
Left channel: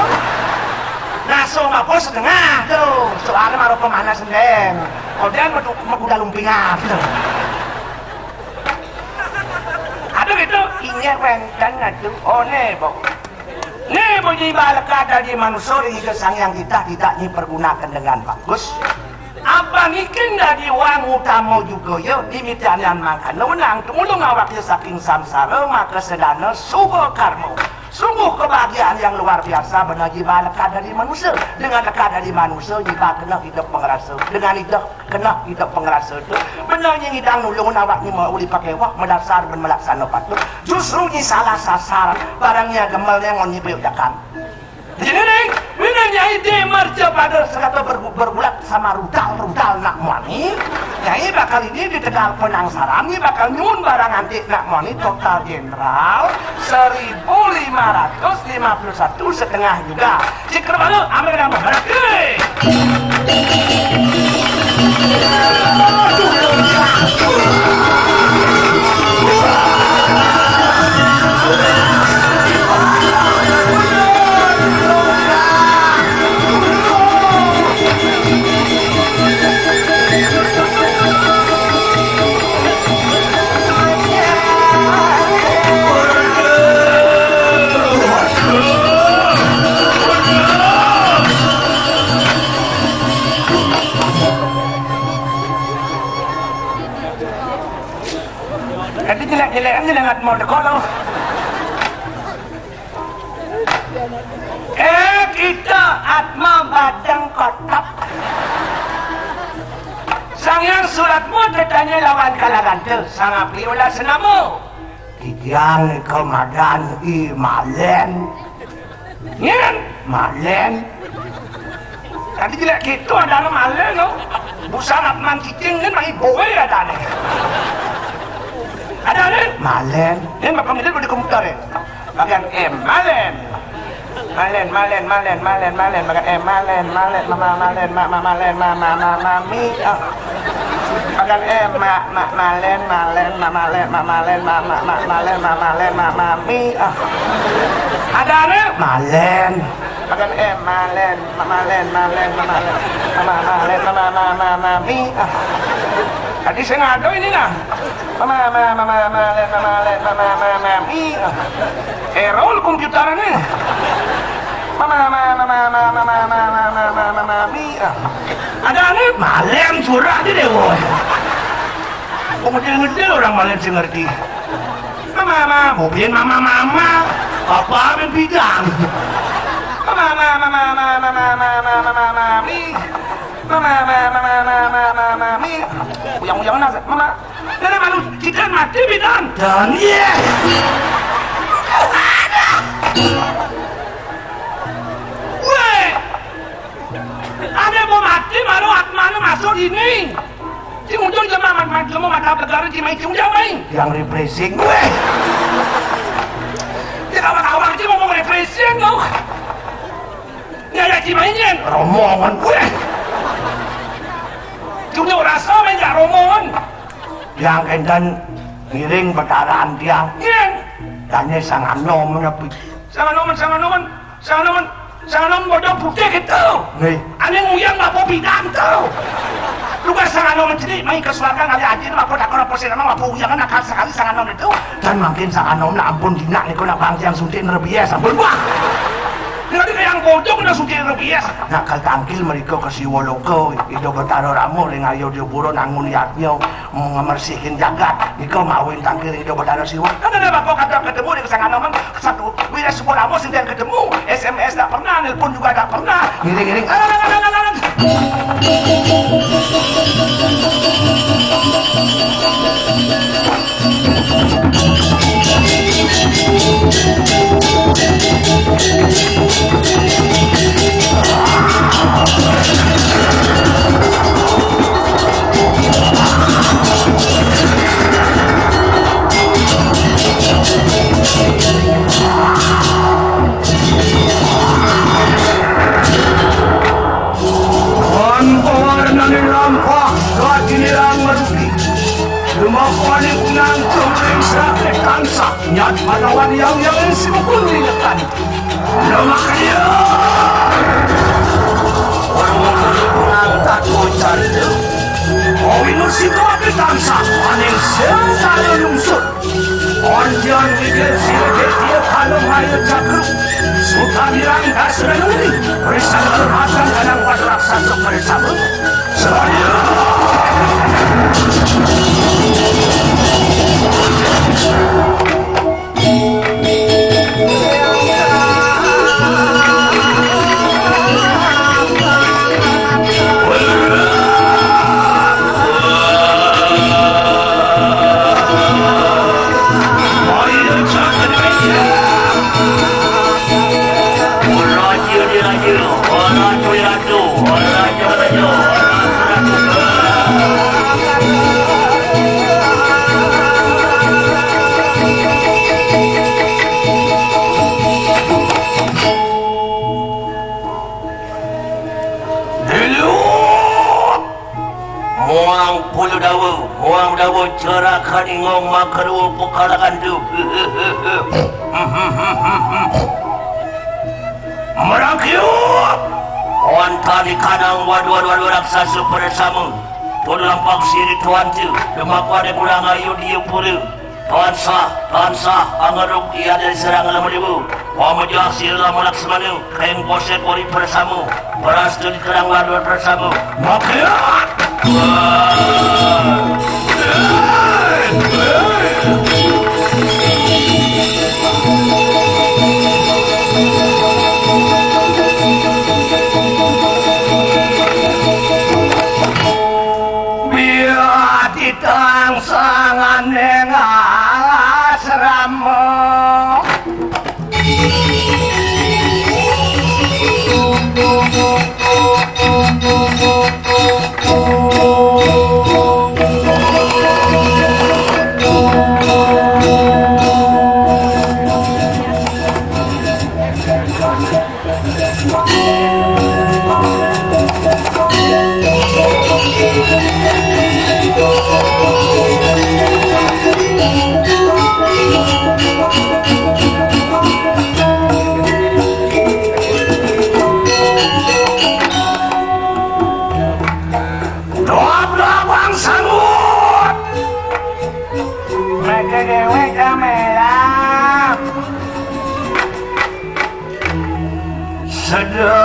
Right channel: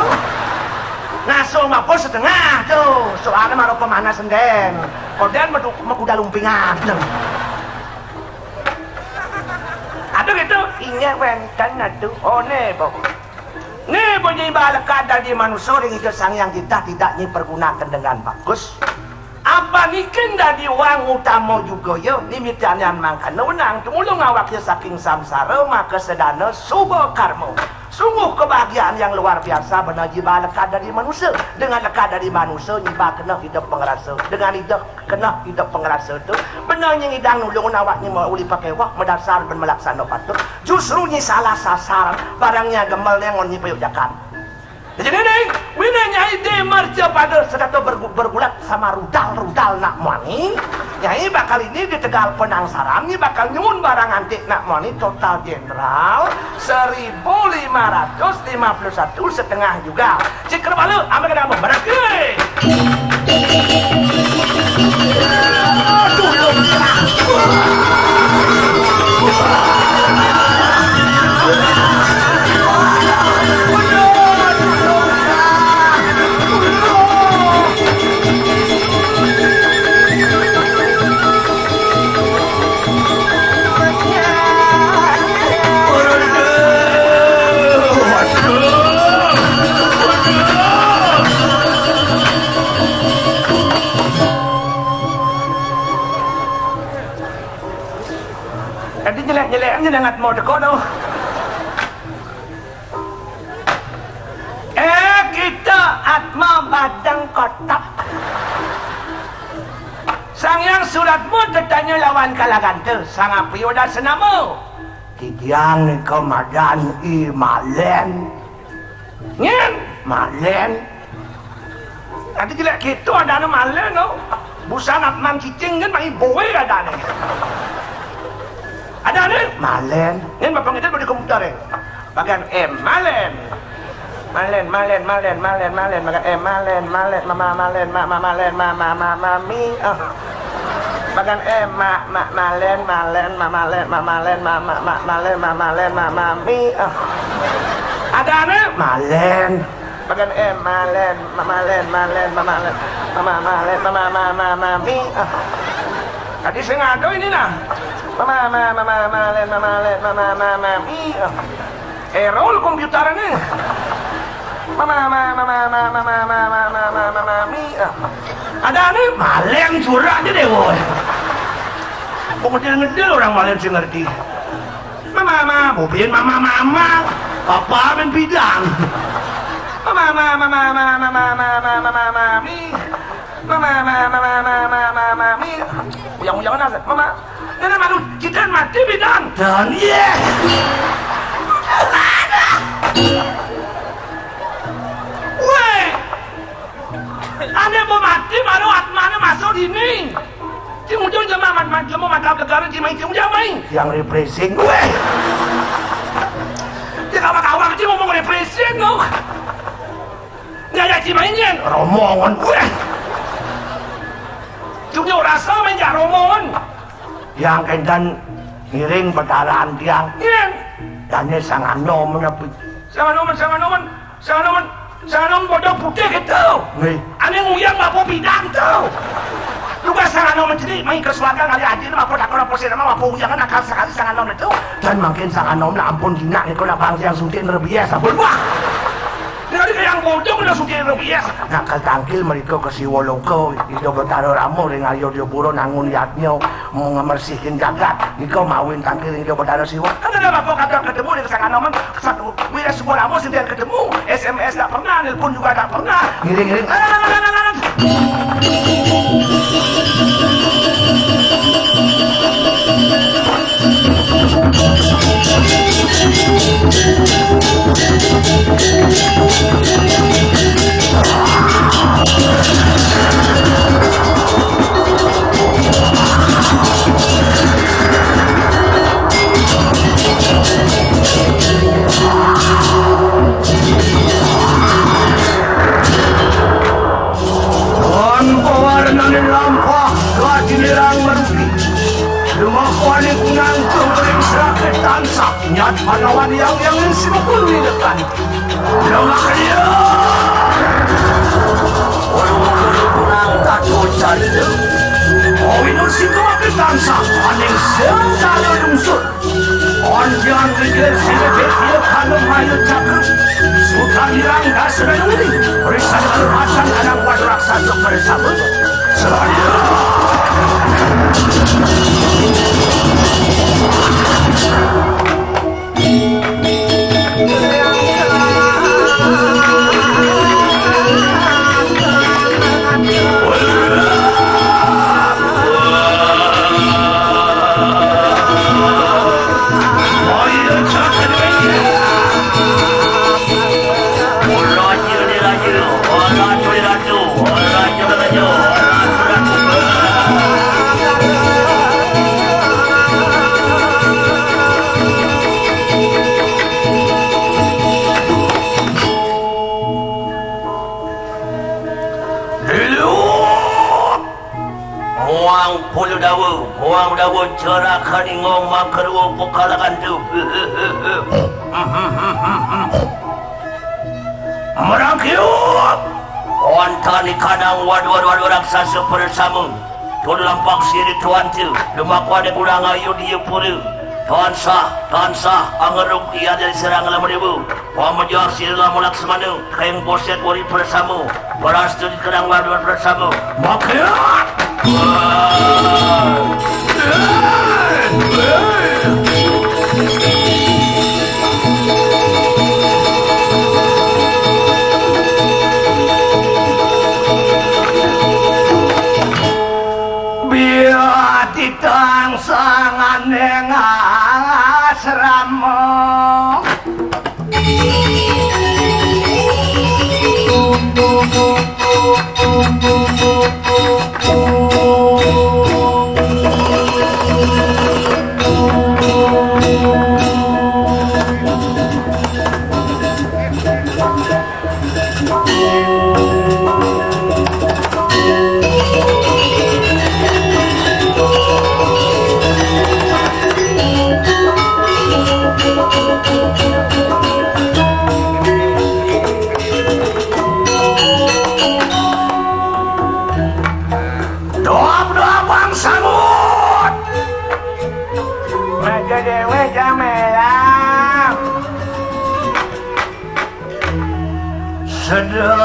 Nah, so apa setengah tuh, soalnya baru pemanas senden. Koden udah lumpingan. Aduh itu, ini rengkan aduh, one kok. Nih bunyi balakan dari manusia ini kesang yang tidak dipergunakan dengan bagus. Apa niken dari uang utama juga ya dimitian makan menang ulung awaknya saking samsara maka sedana subuh karma sungguh kebahagiaan yang luar biasa menaji balaka dari manusia dengan dekat dari manusia nyibah kena hidup pengerasa dengan hidup kena hidup pengerasa itu benarnya hidang ulung awaknya mau dipakai wak mendasar dan melaksanakan itu justru ini salah sasar barangnya gemel yang mau nyipayudakan. Jadi neng, mina nyai demarja pada sekata bergulat sama rudal nak mani. Nyai bakal ini di tegal penangsaran, ini bakal nyun barang antik nak mani total general 1.551 setengah juga. Cikir balu, ambil nama berarti. Atma Badang Kotak. Sang yang suratmu tertanya lawan kalangan ter. Sang api udah senamu. Kijang Komadan I Malen. Nyen Malen. Tadi tidak gitu ada nama Malen no. Busan Atman Cicing kan main bowe ada nih. Ada nih Malen. Ini bapak ini pada komputer ya. Bagian M Malen. Malen bagian M Malen mami. Bagian M Malen mami. Ada nih Malen. Bagian M Malen mami. Tadi saya ngado ini lah. Mami. Errol komputer ini. Mami. Ada nih Malen curah aja deh boy. Pokoknya ngedel orang Malen sih ngerti. Mama, mobil mama. Apa main bidang? Mami. Yang nasa, mama. Ini malu kita mati bidang. Dan ye. Weh. Anda mau mati malu Atmanya masuk ini. Cimuncul sama Atman mata negara Cimahi Jamai. Yang repressing gue. Tidak apa-apa aja ngomong repressing dong. Nggak ada Cimahinya. Romongan gue. Tunjuk rasa banyak romongan. Yang kendan ngiring pertaraan tiang. Dan sangat nom menepi. Sangat nom bodoh putih gitu. Aneh nguyang mapo bidang tuh. Lugas sangat nom jadi main kesuatan kali aja lapor kakak lapor saya nama mapo nguyang kan akal sekali sangat nom itu. Dan makin sangat nom ampun dina nih kau nak bangsa yang suntik nerbias ampun wah. Jadi yang bodoh kena suntik nerbias. Nakal tangkil mereka kasih woloko itu bertaruh ramu dengan ayo dia buru nangun yaknya mau ngemersihin jagat. Iko mawin tangkil itu bertaruh siwa. Kan ada kau kata ketemu dengan sangat nom satu. Wira semua ramu sendiri ketemu. SMS tak pernah, nelpon juga tak pernah. Giring-giring. Nyat pahlawan yang semua diingatkan. Nama kaya. Orang-orang kurang takut candu. Oh ini sikap ketansa. Aning sentara lungsur. Onjan ligir silket dia kalau hayu cakru. Sultan dirangga serenudi. Risang berhasan kadang wadrak satu bersama. Selalu. Muang dawa cerakan ingong makaru pokalakan tu. Merakyut. Ontani kanang wadu raksasa bersama. Tulampak siri tuan tu. Lemak wada kurang ayu dia pura. Tuan sah, angaruk dia dari serangan meribu. Pamajak sila malak semanu. Kayang bosek wali bersama. Berastun kerang wadu bersama. Merakyut. sedang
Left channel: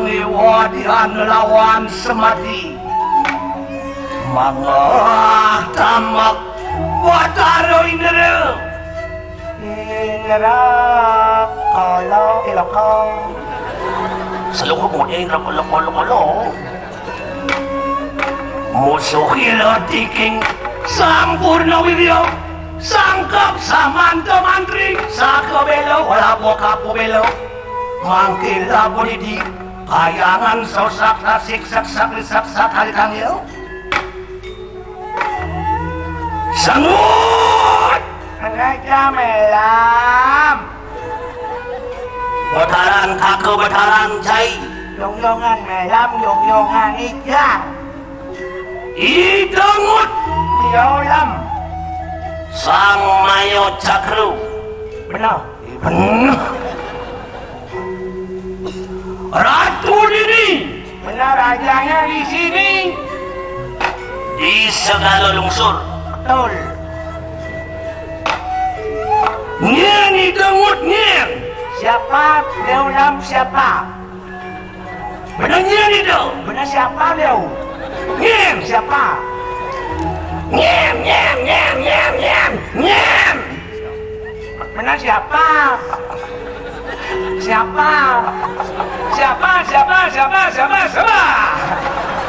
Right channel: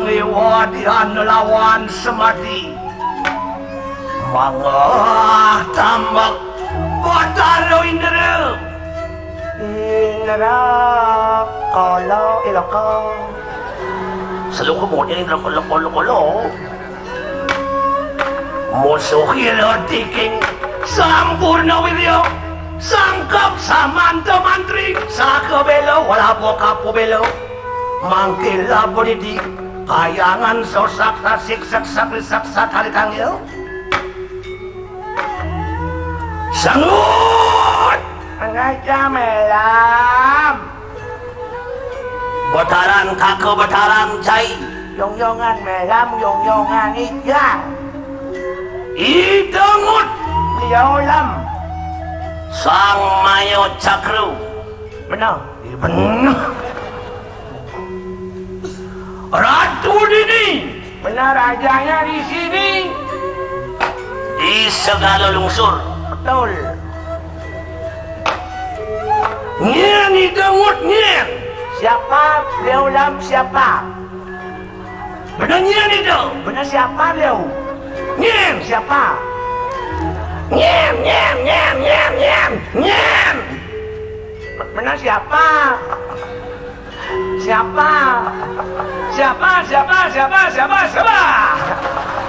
liwadian lawan semati mangah tambak wataro indera kalau ilokal selalu kemudian kalau musuh tiking sampurna wiryo sangkap samanta mantri sakabelo wala kapu belo mangkila bodidi kayangan sosak tasik saksa talikan yo sangut anak jamelam bataran kakek bataran cai yong-yongan melam yong-yongan ikan idengut diolam sang mayo cakru benar ratu ini benar rajanya di sini di segala lungsur betul nyen idengut nyen siapa diolam siapa benar nyen itu benar siapa dia nyen siapa nyen benar siapa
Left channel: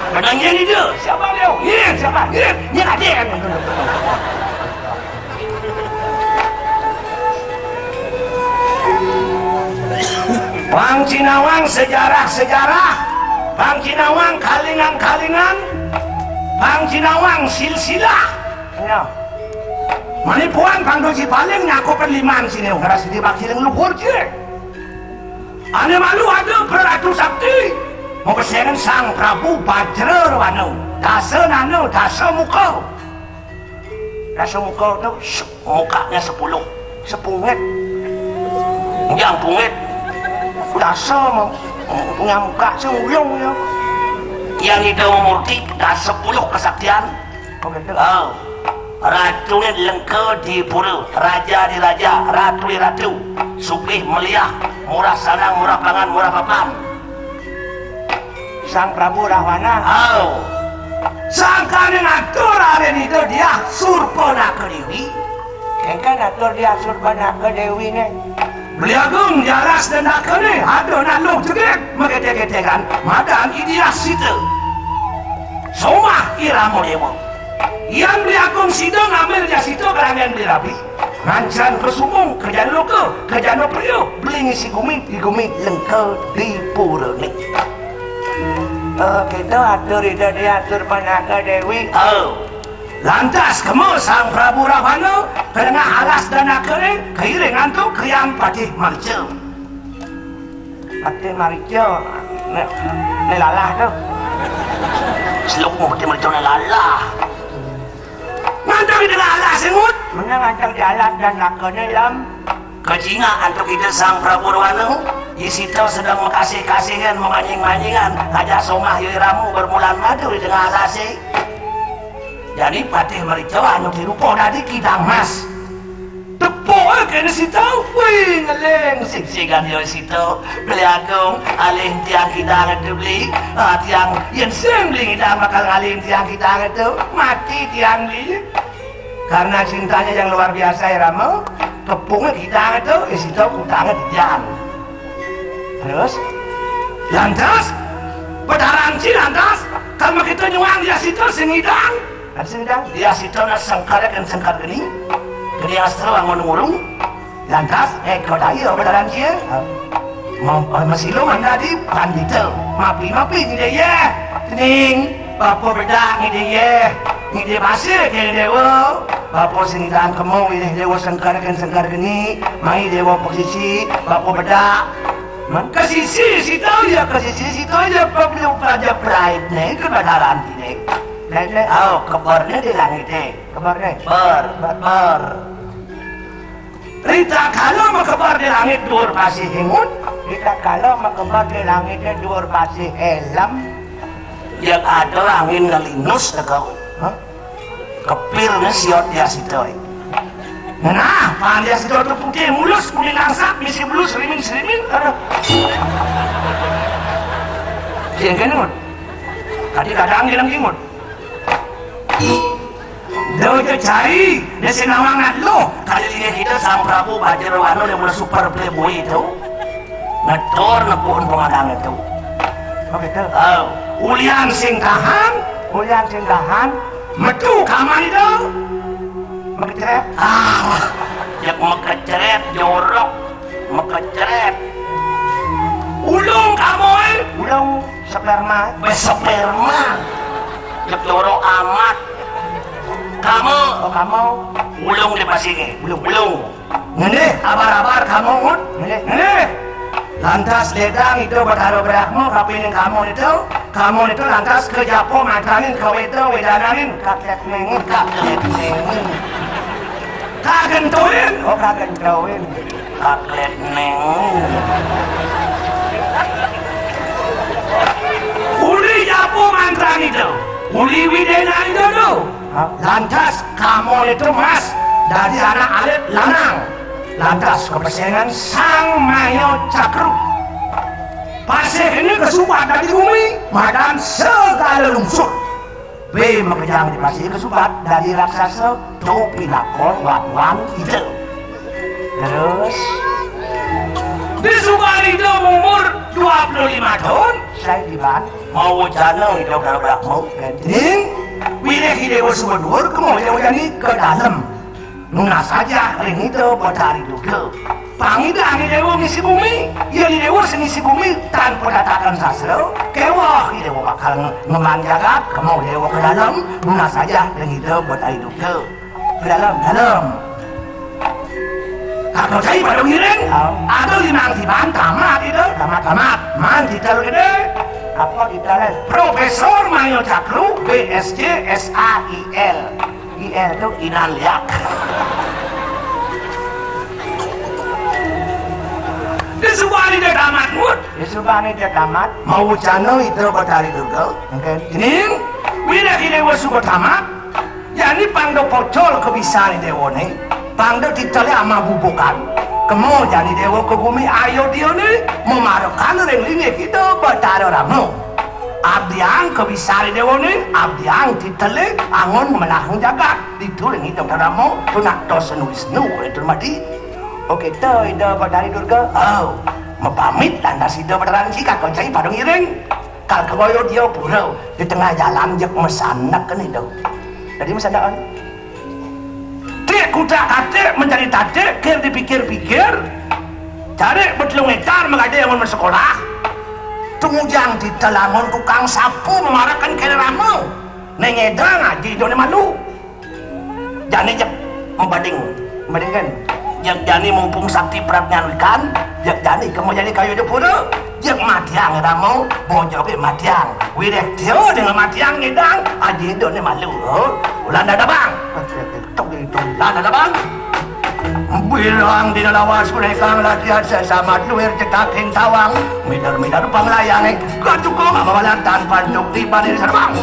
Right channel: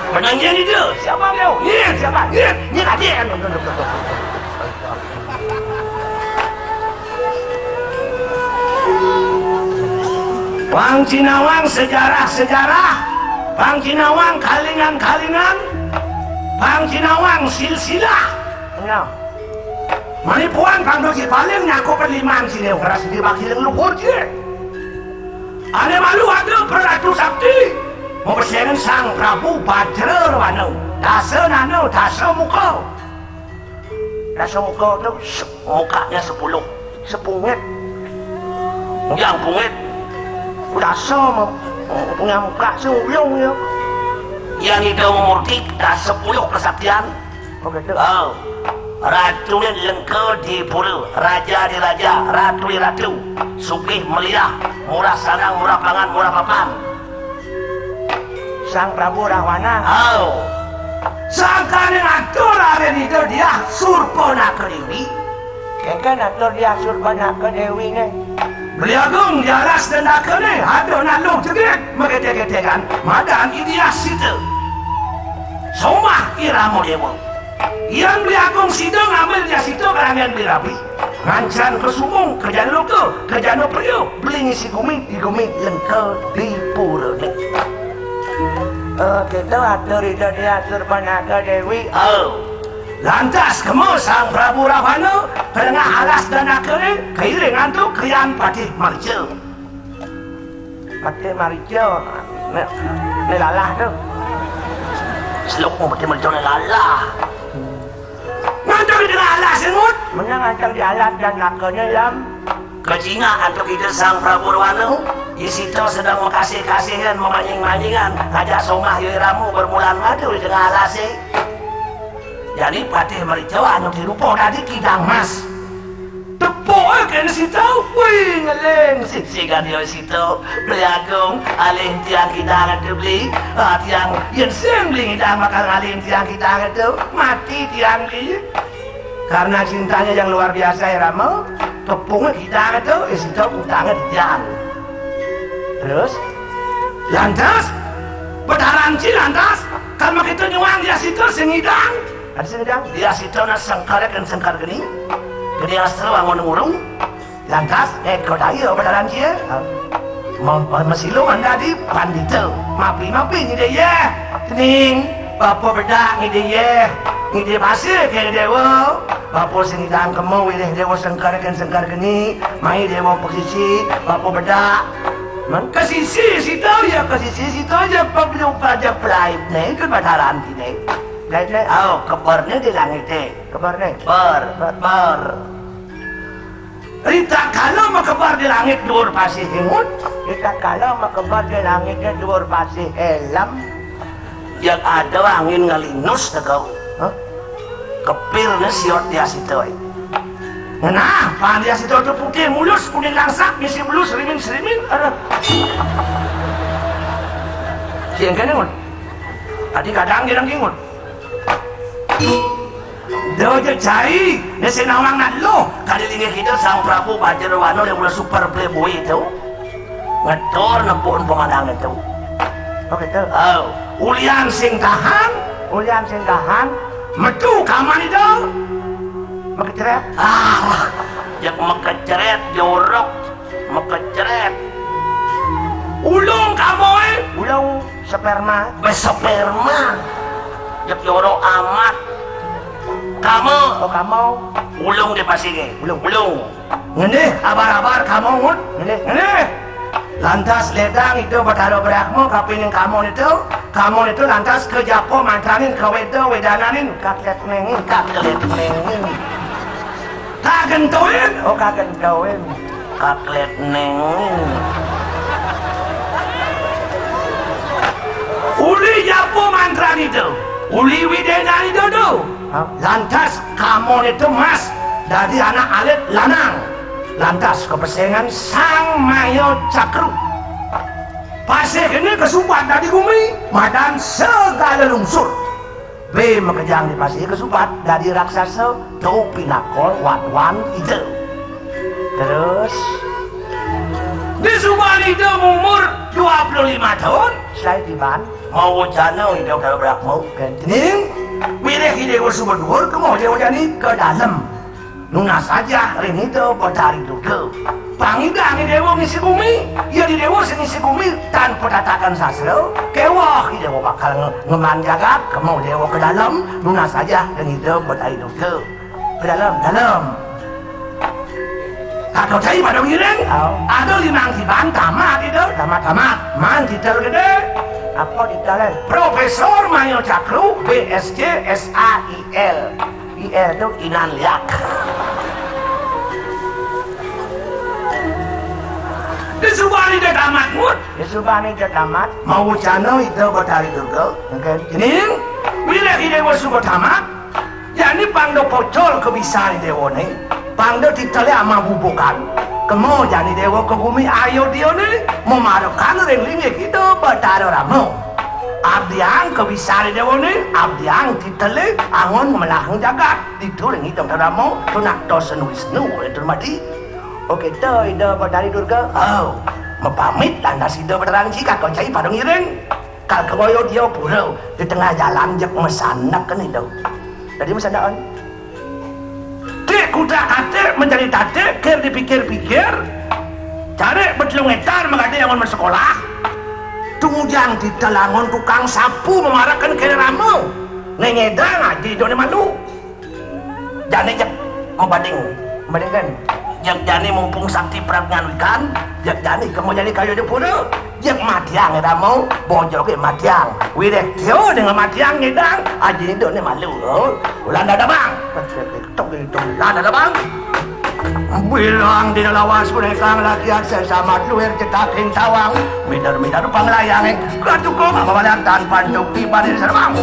benar nyen itu siapa dia nyen siapa nyen ada Wang Cinawang sejarah Bang Cinawang kalingan Bang Cinawang silsilah Manipuan Bang Doji paling ngaku perlimaan sini keras di baki yang luhur je ane malu ada peratu sakti mempersiapkan sang Prabu Bajra Wano dasa nano dasa muka itu mukanya 10 sepungit yang pungit dasa punya muka seulung ya yang itu murtik dah 10 kesaktian begitu ratunya lengkau di pura raja di raja ratu di ratu sugih meliah murah sanang murah pangan murah papan sang Prabu Rahwana sangka dengan atur ada itu dia surpana ke Dewi kengkan atur dia surpana ke Dewi ini beliagung jalas dan nakane ada nalung juga mengetek-ketekan madan ideas itu somah iramu dewa yang beliagung sido ngambil dia situ kerangan beli rapi ngancan ke sumung ke jano priyo beli ngisi gumit lengkau di pura ni kita atur itu dia atur penaga Dewi lantas kamu sang Prabu Rahwana karena alas dan akare keiringan tu kriang patih marjo lalah tu selok mau patih marjo lalah ngantong dengan alas semut mana ngantong di alas dan akare dalam kejinga antuk itu sang Prabu Rahwana Isito sedang mengkasih-kasihan memanying-manyingan ada somah yuramu bermulan madu dengan alasnya jadi patih marijo anu dirupo tadi kidang mas tepuk kena situ wih ngeleng sik-sikan yo situ beliagung alim tiang kidang itu beli tiang yang sering beli kidang bakal alim tiang kidang itu mati tiang beli karena cintanya yang luar biasa ya Ramo tepungnya kidang itu situ utangnya diam terus lantas betaranci lantas kalau kita nyuang dia situ sengidang sedang dia situ nak sangkar kan sangkar gini asal bangun urung lantas kau lagi lo berdalam dia masih lo anda di pandita mapi ni dia tening bapa bedak ni dia pasir ke dewa bapa sengidang kamu ini dewa sangkar gini mai dewa posisi bapa bedak kasisi situ ya belum pada flight nih ke bataran ini kabarnya di langit kabarnya ber Rita kalau makabar di langit dur pasti hingun Rita kalau makabar di langit dur pasti helm yang ada angin ngalinus kau kepilnya siot dia situ Nah, pandia sedoto putih mulus, kuning langsak, misi mulus, serimin. Yang kan ngun? Tadi kadang ngilang. Daw cari, nasi nawang natlo. Kali lihat kita sang Prabu Bajarwano yang udah super playboy itu. Ngetor na pohon pengadang itu. Oke, oh, uliang sing tahan, metu kaman itu. Mekeceret. Jak mekeceret jorok, mekeceret. Ulung kamoy, ulung sperma, besperma. Jak jorok amat. Kamu, ulung di pasingnya, ulung. Ngene, abar-abar kamu ngun, ngene. Lantas ledang itu bertaruh berakmu, kapinin kamu itu lantas ke Japo mantangin ke wedananin, kaklet mengun. Kagentuin, kaklet mengun. Uli Japo mantrang itu, uli widenan itu tuh. Lantas kamu itu mas dari anak alit lanang. Lantas kebersihan sang Mayo Cakru. Pasir ini kesupat dari bumi, madan segala lungsur. B mengejar di pasir kesupat dari raksasa, topi nakol wan itu. Terus di Subang itu umur 25 tahun. Saya tiba mau wacana itu berapa mau penting. Pilih ide bersubar kemudian ke dalam. Nuna saja ring itu bertari duduk. Pangidang dewa ngisi bumi, ya di dewa ngisi bumi tanpa datakan sasro. Kewah dewa bakal ngemanjaga, kamu dewa ke dalam. Nuna saja ring itu bertari duduk. Ke dalam. Kakau cari pada ngiring, ada 5 tiban tamat itu, tamat. Man titel gede. Apa detail? Profesor Mayo Cakru, BSc SAIL. IL itu inan liak. Di Subang itu tamat. Mau channel itu bertari dulu. Ini bila ide bersubat tamat. Jadi pangdo pocol kebiasaan dewa nih. Pangdo titelnya ama bubukan. Kemo jadi dewa ke bumi ayo dia nih memarukan reling itu bertaruh ramu. Abdiang kebiasaan dewa nih, abdiang titele angon menahung jagat dituring itu ramu tunak dosen Wisnu itu mati. Oke tuh itu bertari durga. Oh, mau pamit lantas itu berterang sih kakak cai pada ngiring. Kalau keboyo dia pura di tengah jalan jep mesanak kan itu. Jadi mesanakan. Klik kuda kate menjadi tate, ker dipikir-pikir. Cari betlung etar mengadi yang sekolah. Kemudian di telangon tukang sapu memarahkan kena ramu. Nengedang ngaji itu malu. Jani jep membandingkan. Yang jani mumpung sakti prabnyankan. Yang jani kamu jadi kayu di pura. Yang matiang ramu bojoki matiang. Wirek teo dengan matiang ngedang. Aji itu malu. Ulan ada bang. Ulan ada bang. Bilang di lawas kunekang latihan sesama luar cetakin tawang midar panglayang katukong mawalan tanpa untuk tiba di serbang.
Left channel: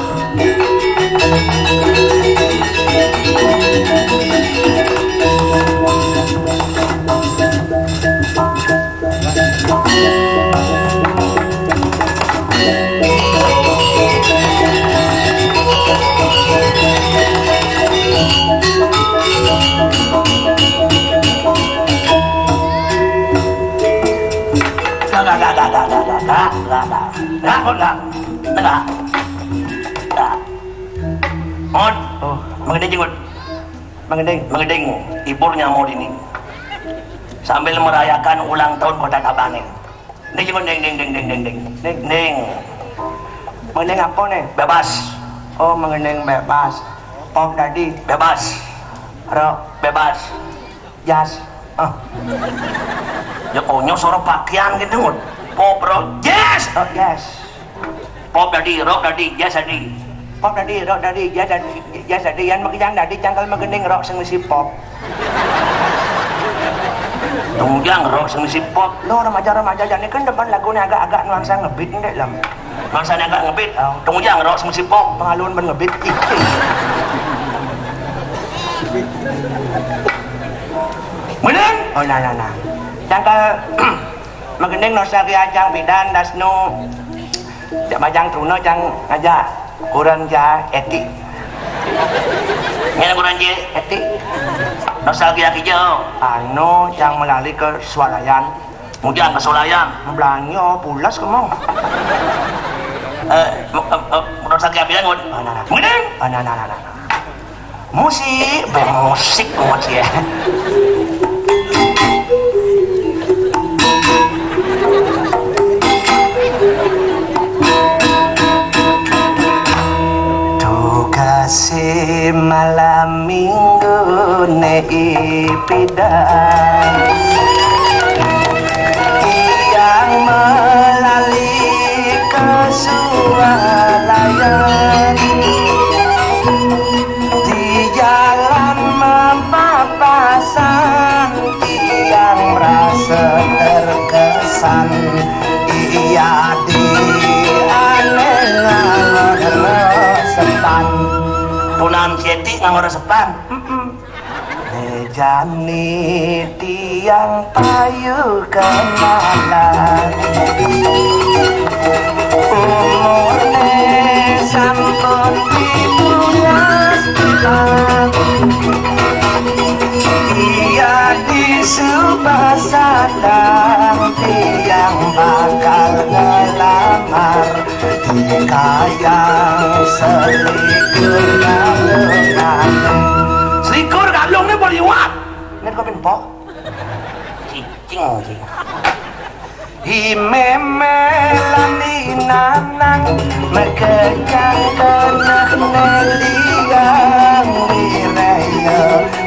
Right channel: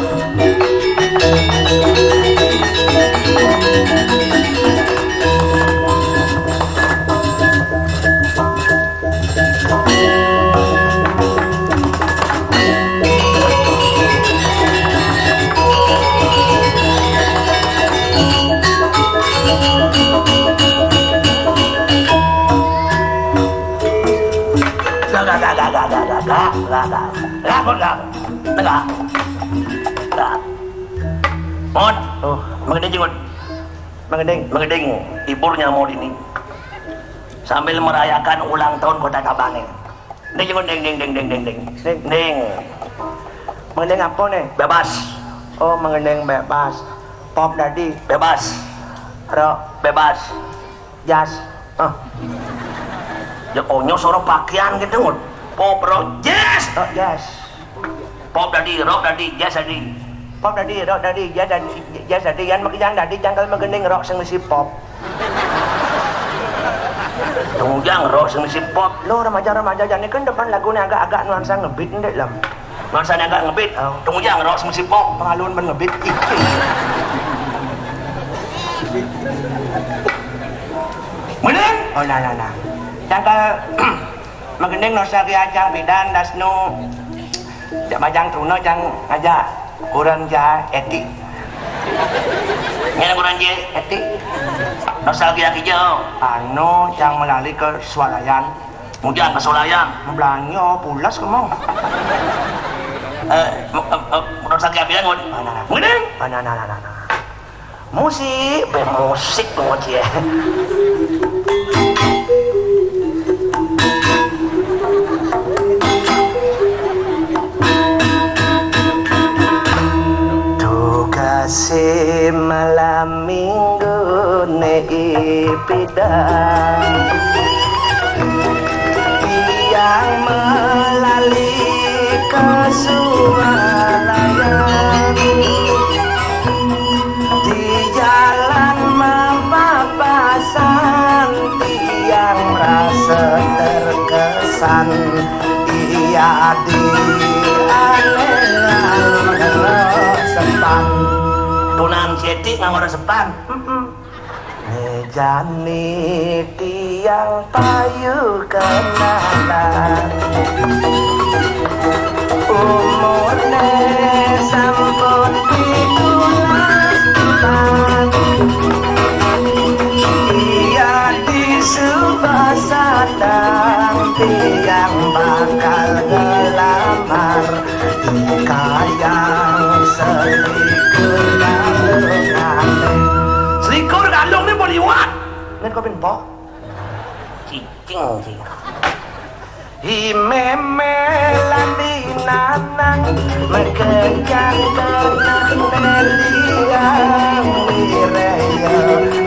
Mengeding ibunya mau ini sambil merayakan ulang tahun buat kabangi. Ini jengut ding. Mengending apa nih? Bebas. Oh mengending bebas. Om Dadi bebas. Ro bebas. Jas. Ya konyo suara pakaian gitu. Pop rock jazz. Oh jazz. Pop Dadi, rock Dadi, jazz Dadi. Pop Dadi, rock Dadi, jazz Dadi. Yang makian Dadi cangkal mengending rock sing si pop. Kemudian rock sing si pop. Lo remaja-remaja jane kan depan lagunya agak nuansa ngebit ndek lam. Nuansa agak ngebit. Kemudian rock sing si pop. Pengalun ben ngebit. Oh nah. Jangka magendeng nostalgia jang bidan dasnu. Jak bajang truno jang ngajak kurang ja etik. Ngene kurang ja etik. Nostalgia hijau. Anu jang melalui ke swalayan. Kemudian ke swalayan. Belanyo pulas kemau. Nostalgia bidan ngun. Magendeng. Nah. Musik, bermusik ya. Kasih malam minggu neipidang yang melalui kesuarayan di jalan mapapasan yang merasa terkesan ia di alun-alun Tunan Ceti ngamor sepan. Jani tiang payu kaladan. Umurne sampun pitulas bulan. Ia disubasatan tiang bakal ngelamar. Kayang selikur Selikur galung ni boleh buat. Ni kau pinpok. Cicing. Imemelani nanang mekerjang kenang meliang wiraya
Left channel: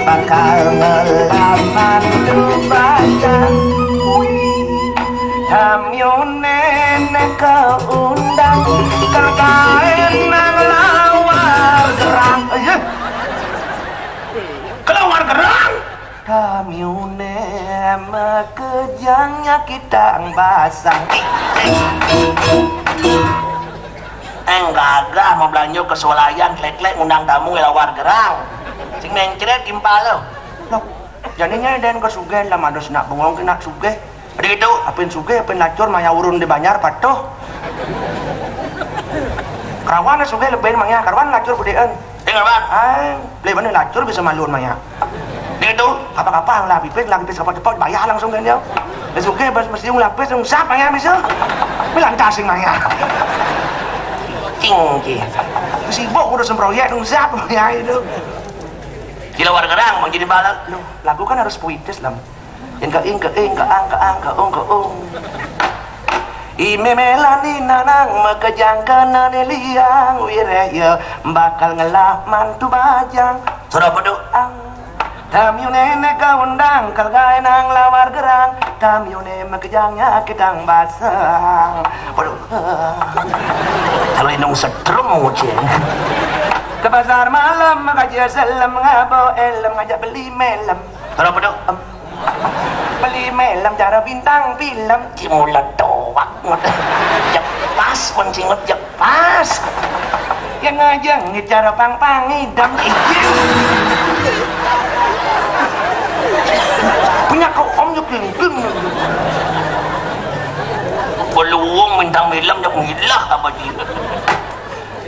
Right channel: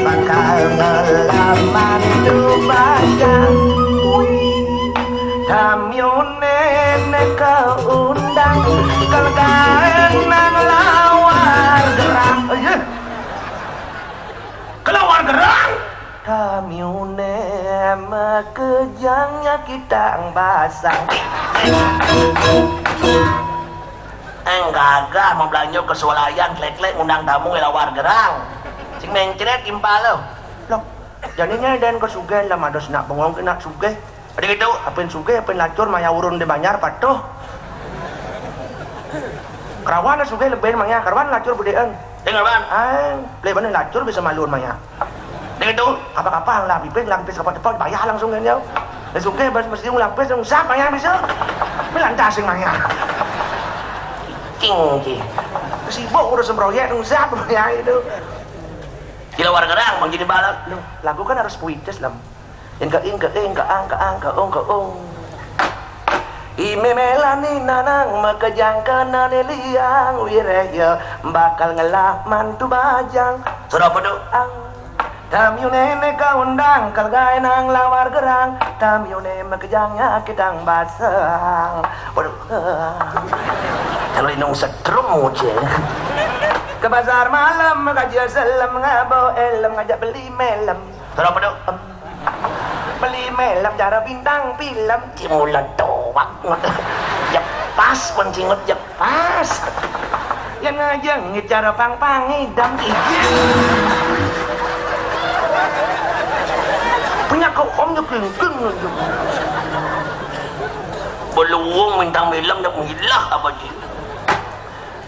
bakal ngelaman dubajan. Tamyone kau undang kergaen nang lawar gerang. Kelawar gerang. Tamyone mekejangnya kita basang. Gagah mau belanja ke swalayan klek-klek undang tamu ngelawar gerang. Sing mencret impal lo. Loh, jadinya den ke sugih lah mados nak bongong kena sugih. Ada gitu, apin sugih, apin lacur, maya urun di banyar, patuh. Kerawan sugih lebih maya, kerawan lacur budean. Dengar ban? Lebih lacur bisa malun maya. Gitu, apa-apa lapis apa-apa bayar langsung kan dia. Dan sugih mesti lapis, sap maya bisa. Melantasing maya. Cing. Sibuk udah semproyek, sap maya itu. Gila warga gerang, mau jadi balak. Lagu kan harus puitis lah. Enggak Imemelani nanang makajang kanane liang wiraya bakal ngelah mantu bajang. Sudah pedoang. Tamyune kaundang kalgai nang lawar gerang. Tamyune makajangnya kedang basang. Waduh. Kalau inong setrum ngucin. Ke pasar malam ngajak salam ngabo elam ngajak beli melam. Sudah pedoang. Beli melam cara bintang film cimulan doang jepas kuncingut jepas yang aja ngecara pang-pangi dan punya kau om nyukin peluang bintang film yang hilah apa dia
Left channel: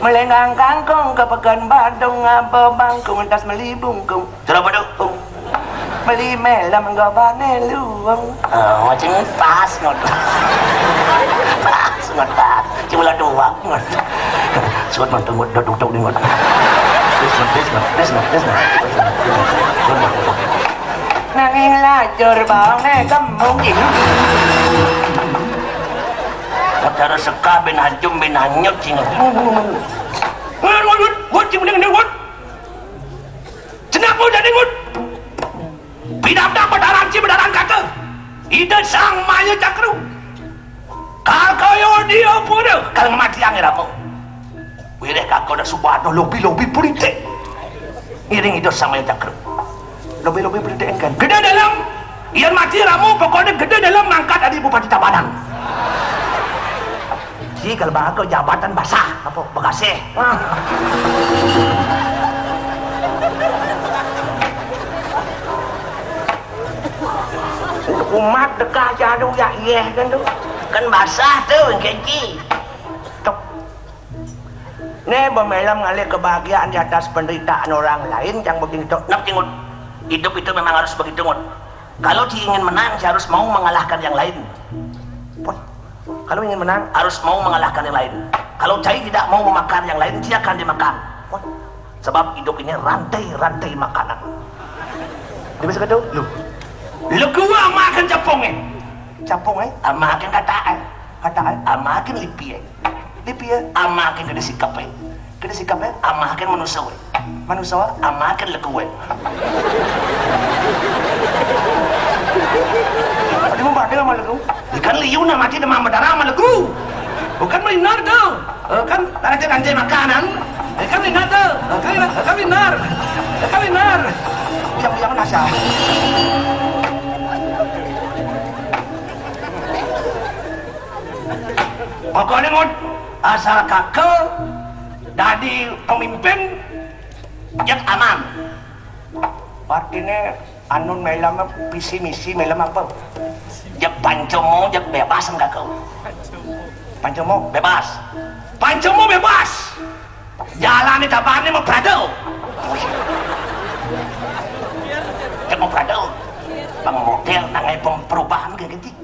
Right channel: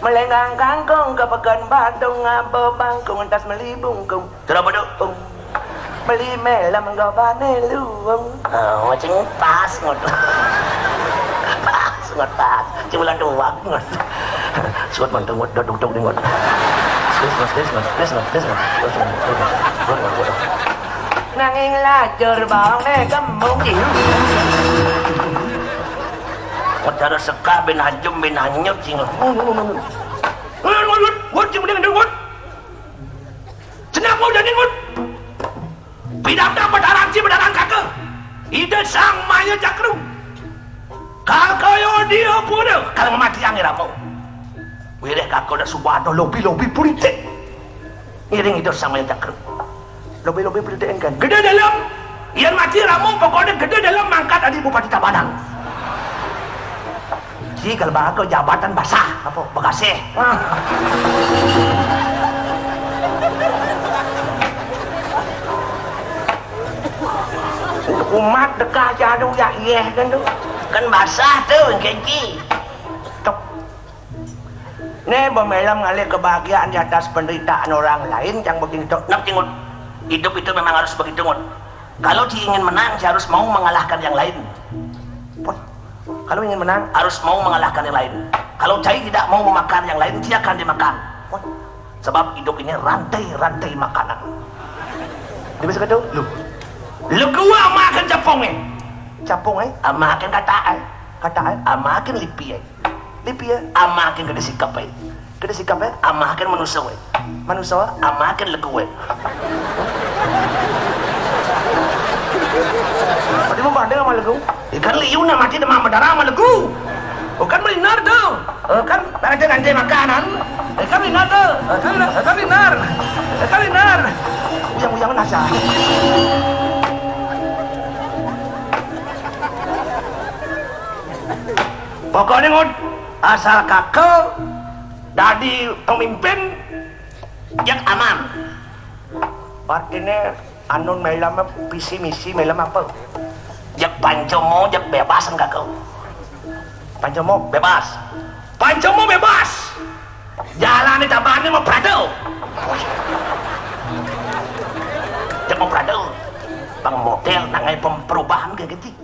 melenggang kangkung ke pekan badung ngabo bangkung tas melibungkung sudah badung Mali melam gabane luwang. Macam pas ngot. Pas. Cuma doang ngot. Suat manteng ngot duduk ngot. Please. Nanging lajur baune gembung ini. Modar seka ben hajum ben hanyep cingot. Wut, wut. Kenapa jadi wut? Bidang berdarang kakak ide sang maya cakru kakak dia pura kalau mati angin aku wirek kakak udah subhano lobi politik ngiring itu sang maya cakru lobi politik kan gede dalam ian mati ramu pokoknya gede dalam mangkat adi bupati Tabanan si kalau bakal jabatan basah apa bekasih Umat dekah jadu ya iya kan tuh. Kan basah tuh keki. Tok. Nih memelam ngalih kebahagiaan di atas penderitaan orang lain yang begitu. Nak tingut. Hidup itu memang harus begitu ngut. Kalau dia ingin menang, dia harus mau mengalahkan yang lain. Pot. Kalau ingin menang Harus mau mengalahkan yang lain. Kalau dia tidak mau memakan yang lain, dia akan dimakan. Pot. Sebab hidup ini rantai-rantai makanan. Dia bisa kata lu. Lu gua makan capongnya. Capung Makan kataan. kataan Makan lipi. lipi ya. Makan kada sikap. Kada sikap ya. Makan manusia. Manusia Makan leku. ada mau ada sama lu. Ikan liu na mati demam berdarah sama leku. Bukan benar tuh. Kan ada nanti makanan. Ikan benar tuh. Ikan benar. Ikan benar. Yang nasa. Pokoknya ngon asal kakak jadi pemimpin yang aman. Artinya anu melam visi misi melam apa? Jak pancomo jak bebas enggak kau. Pancomo Bebas. Pancomo bebas. Jalan di tabarnya mau prado. Jak mau prado. Pang model nangai perubahan kayak gitu.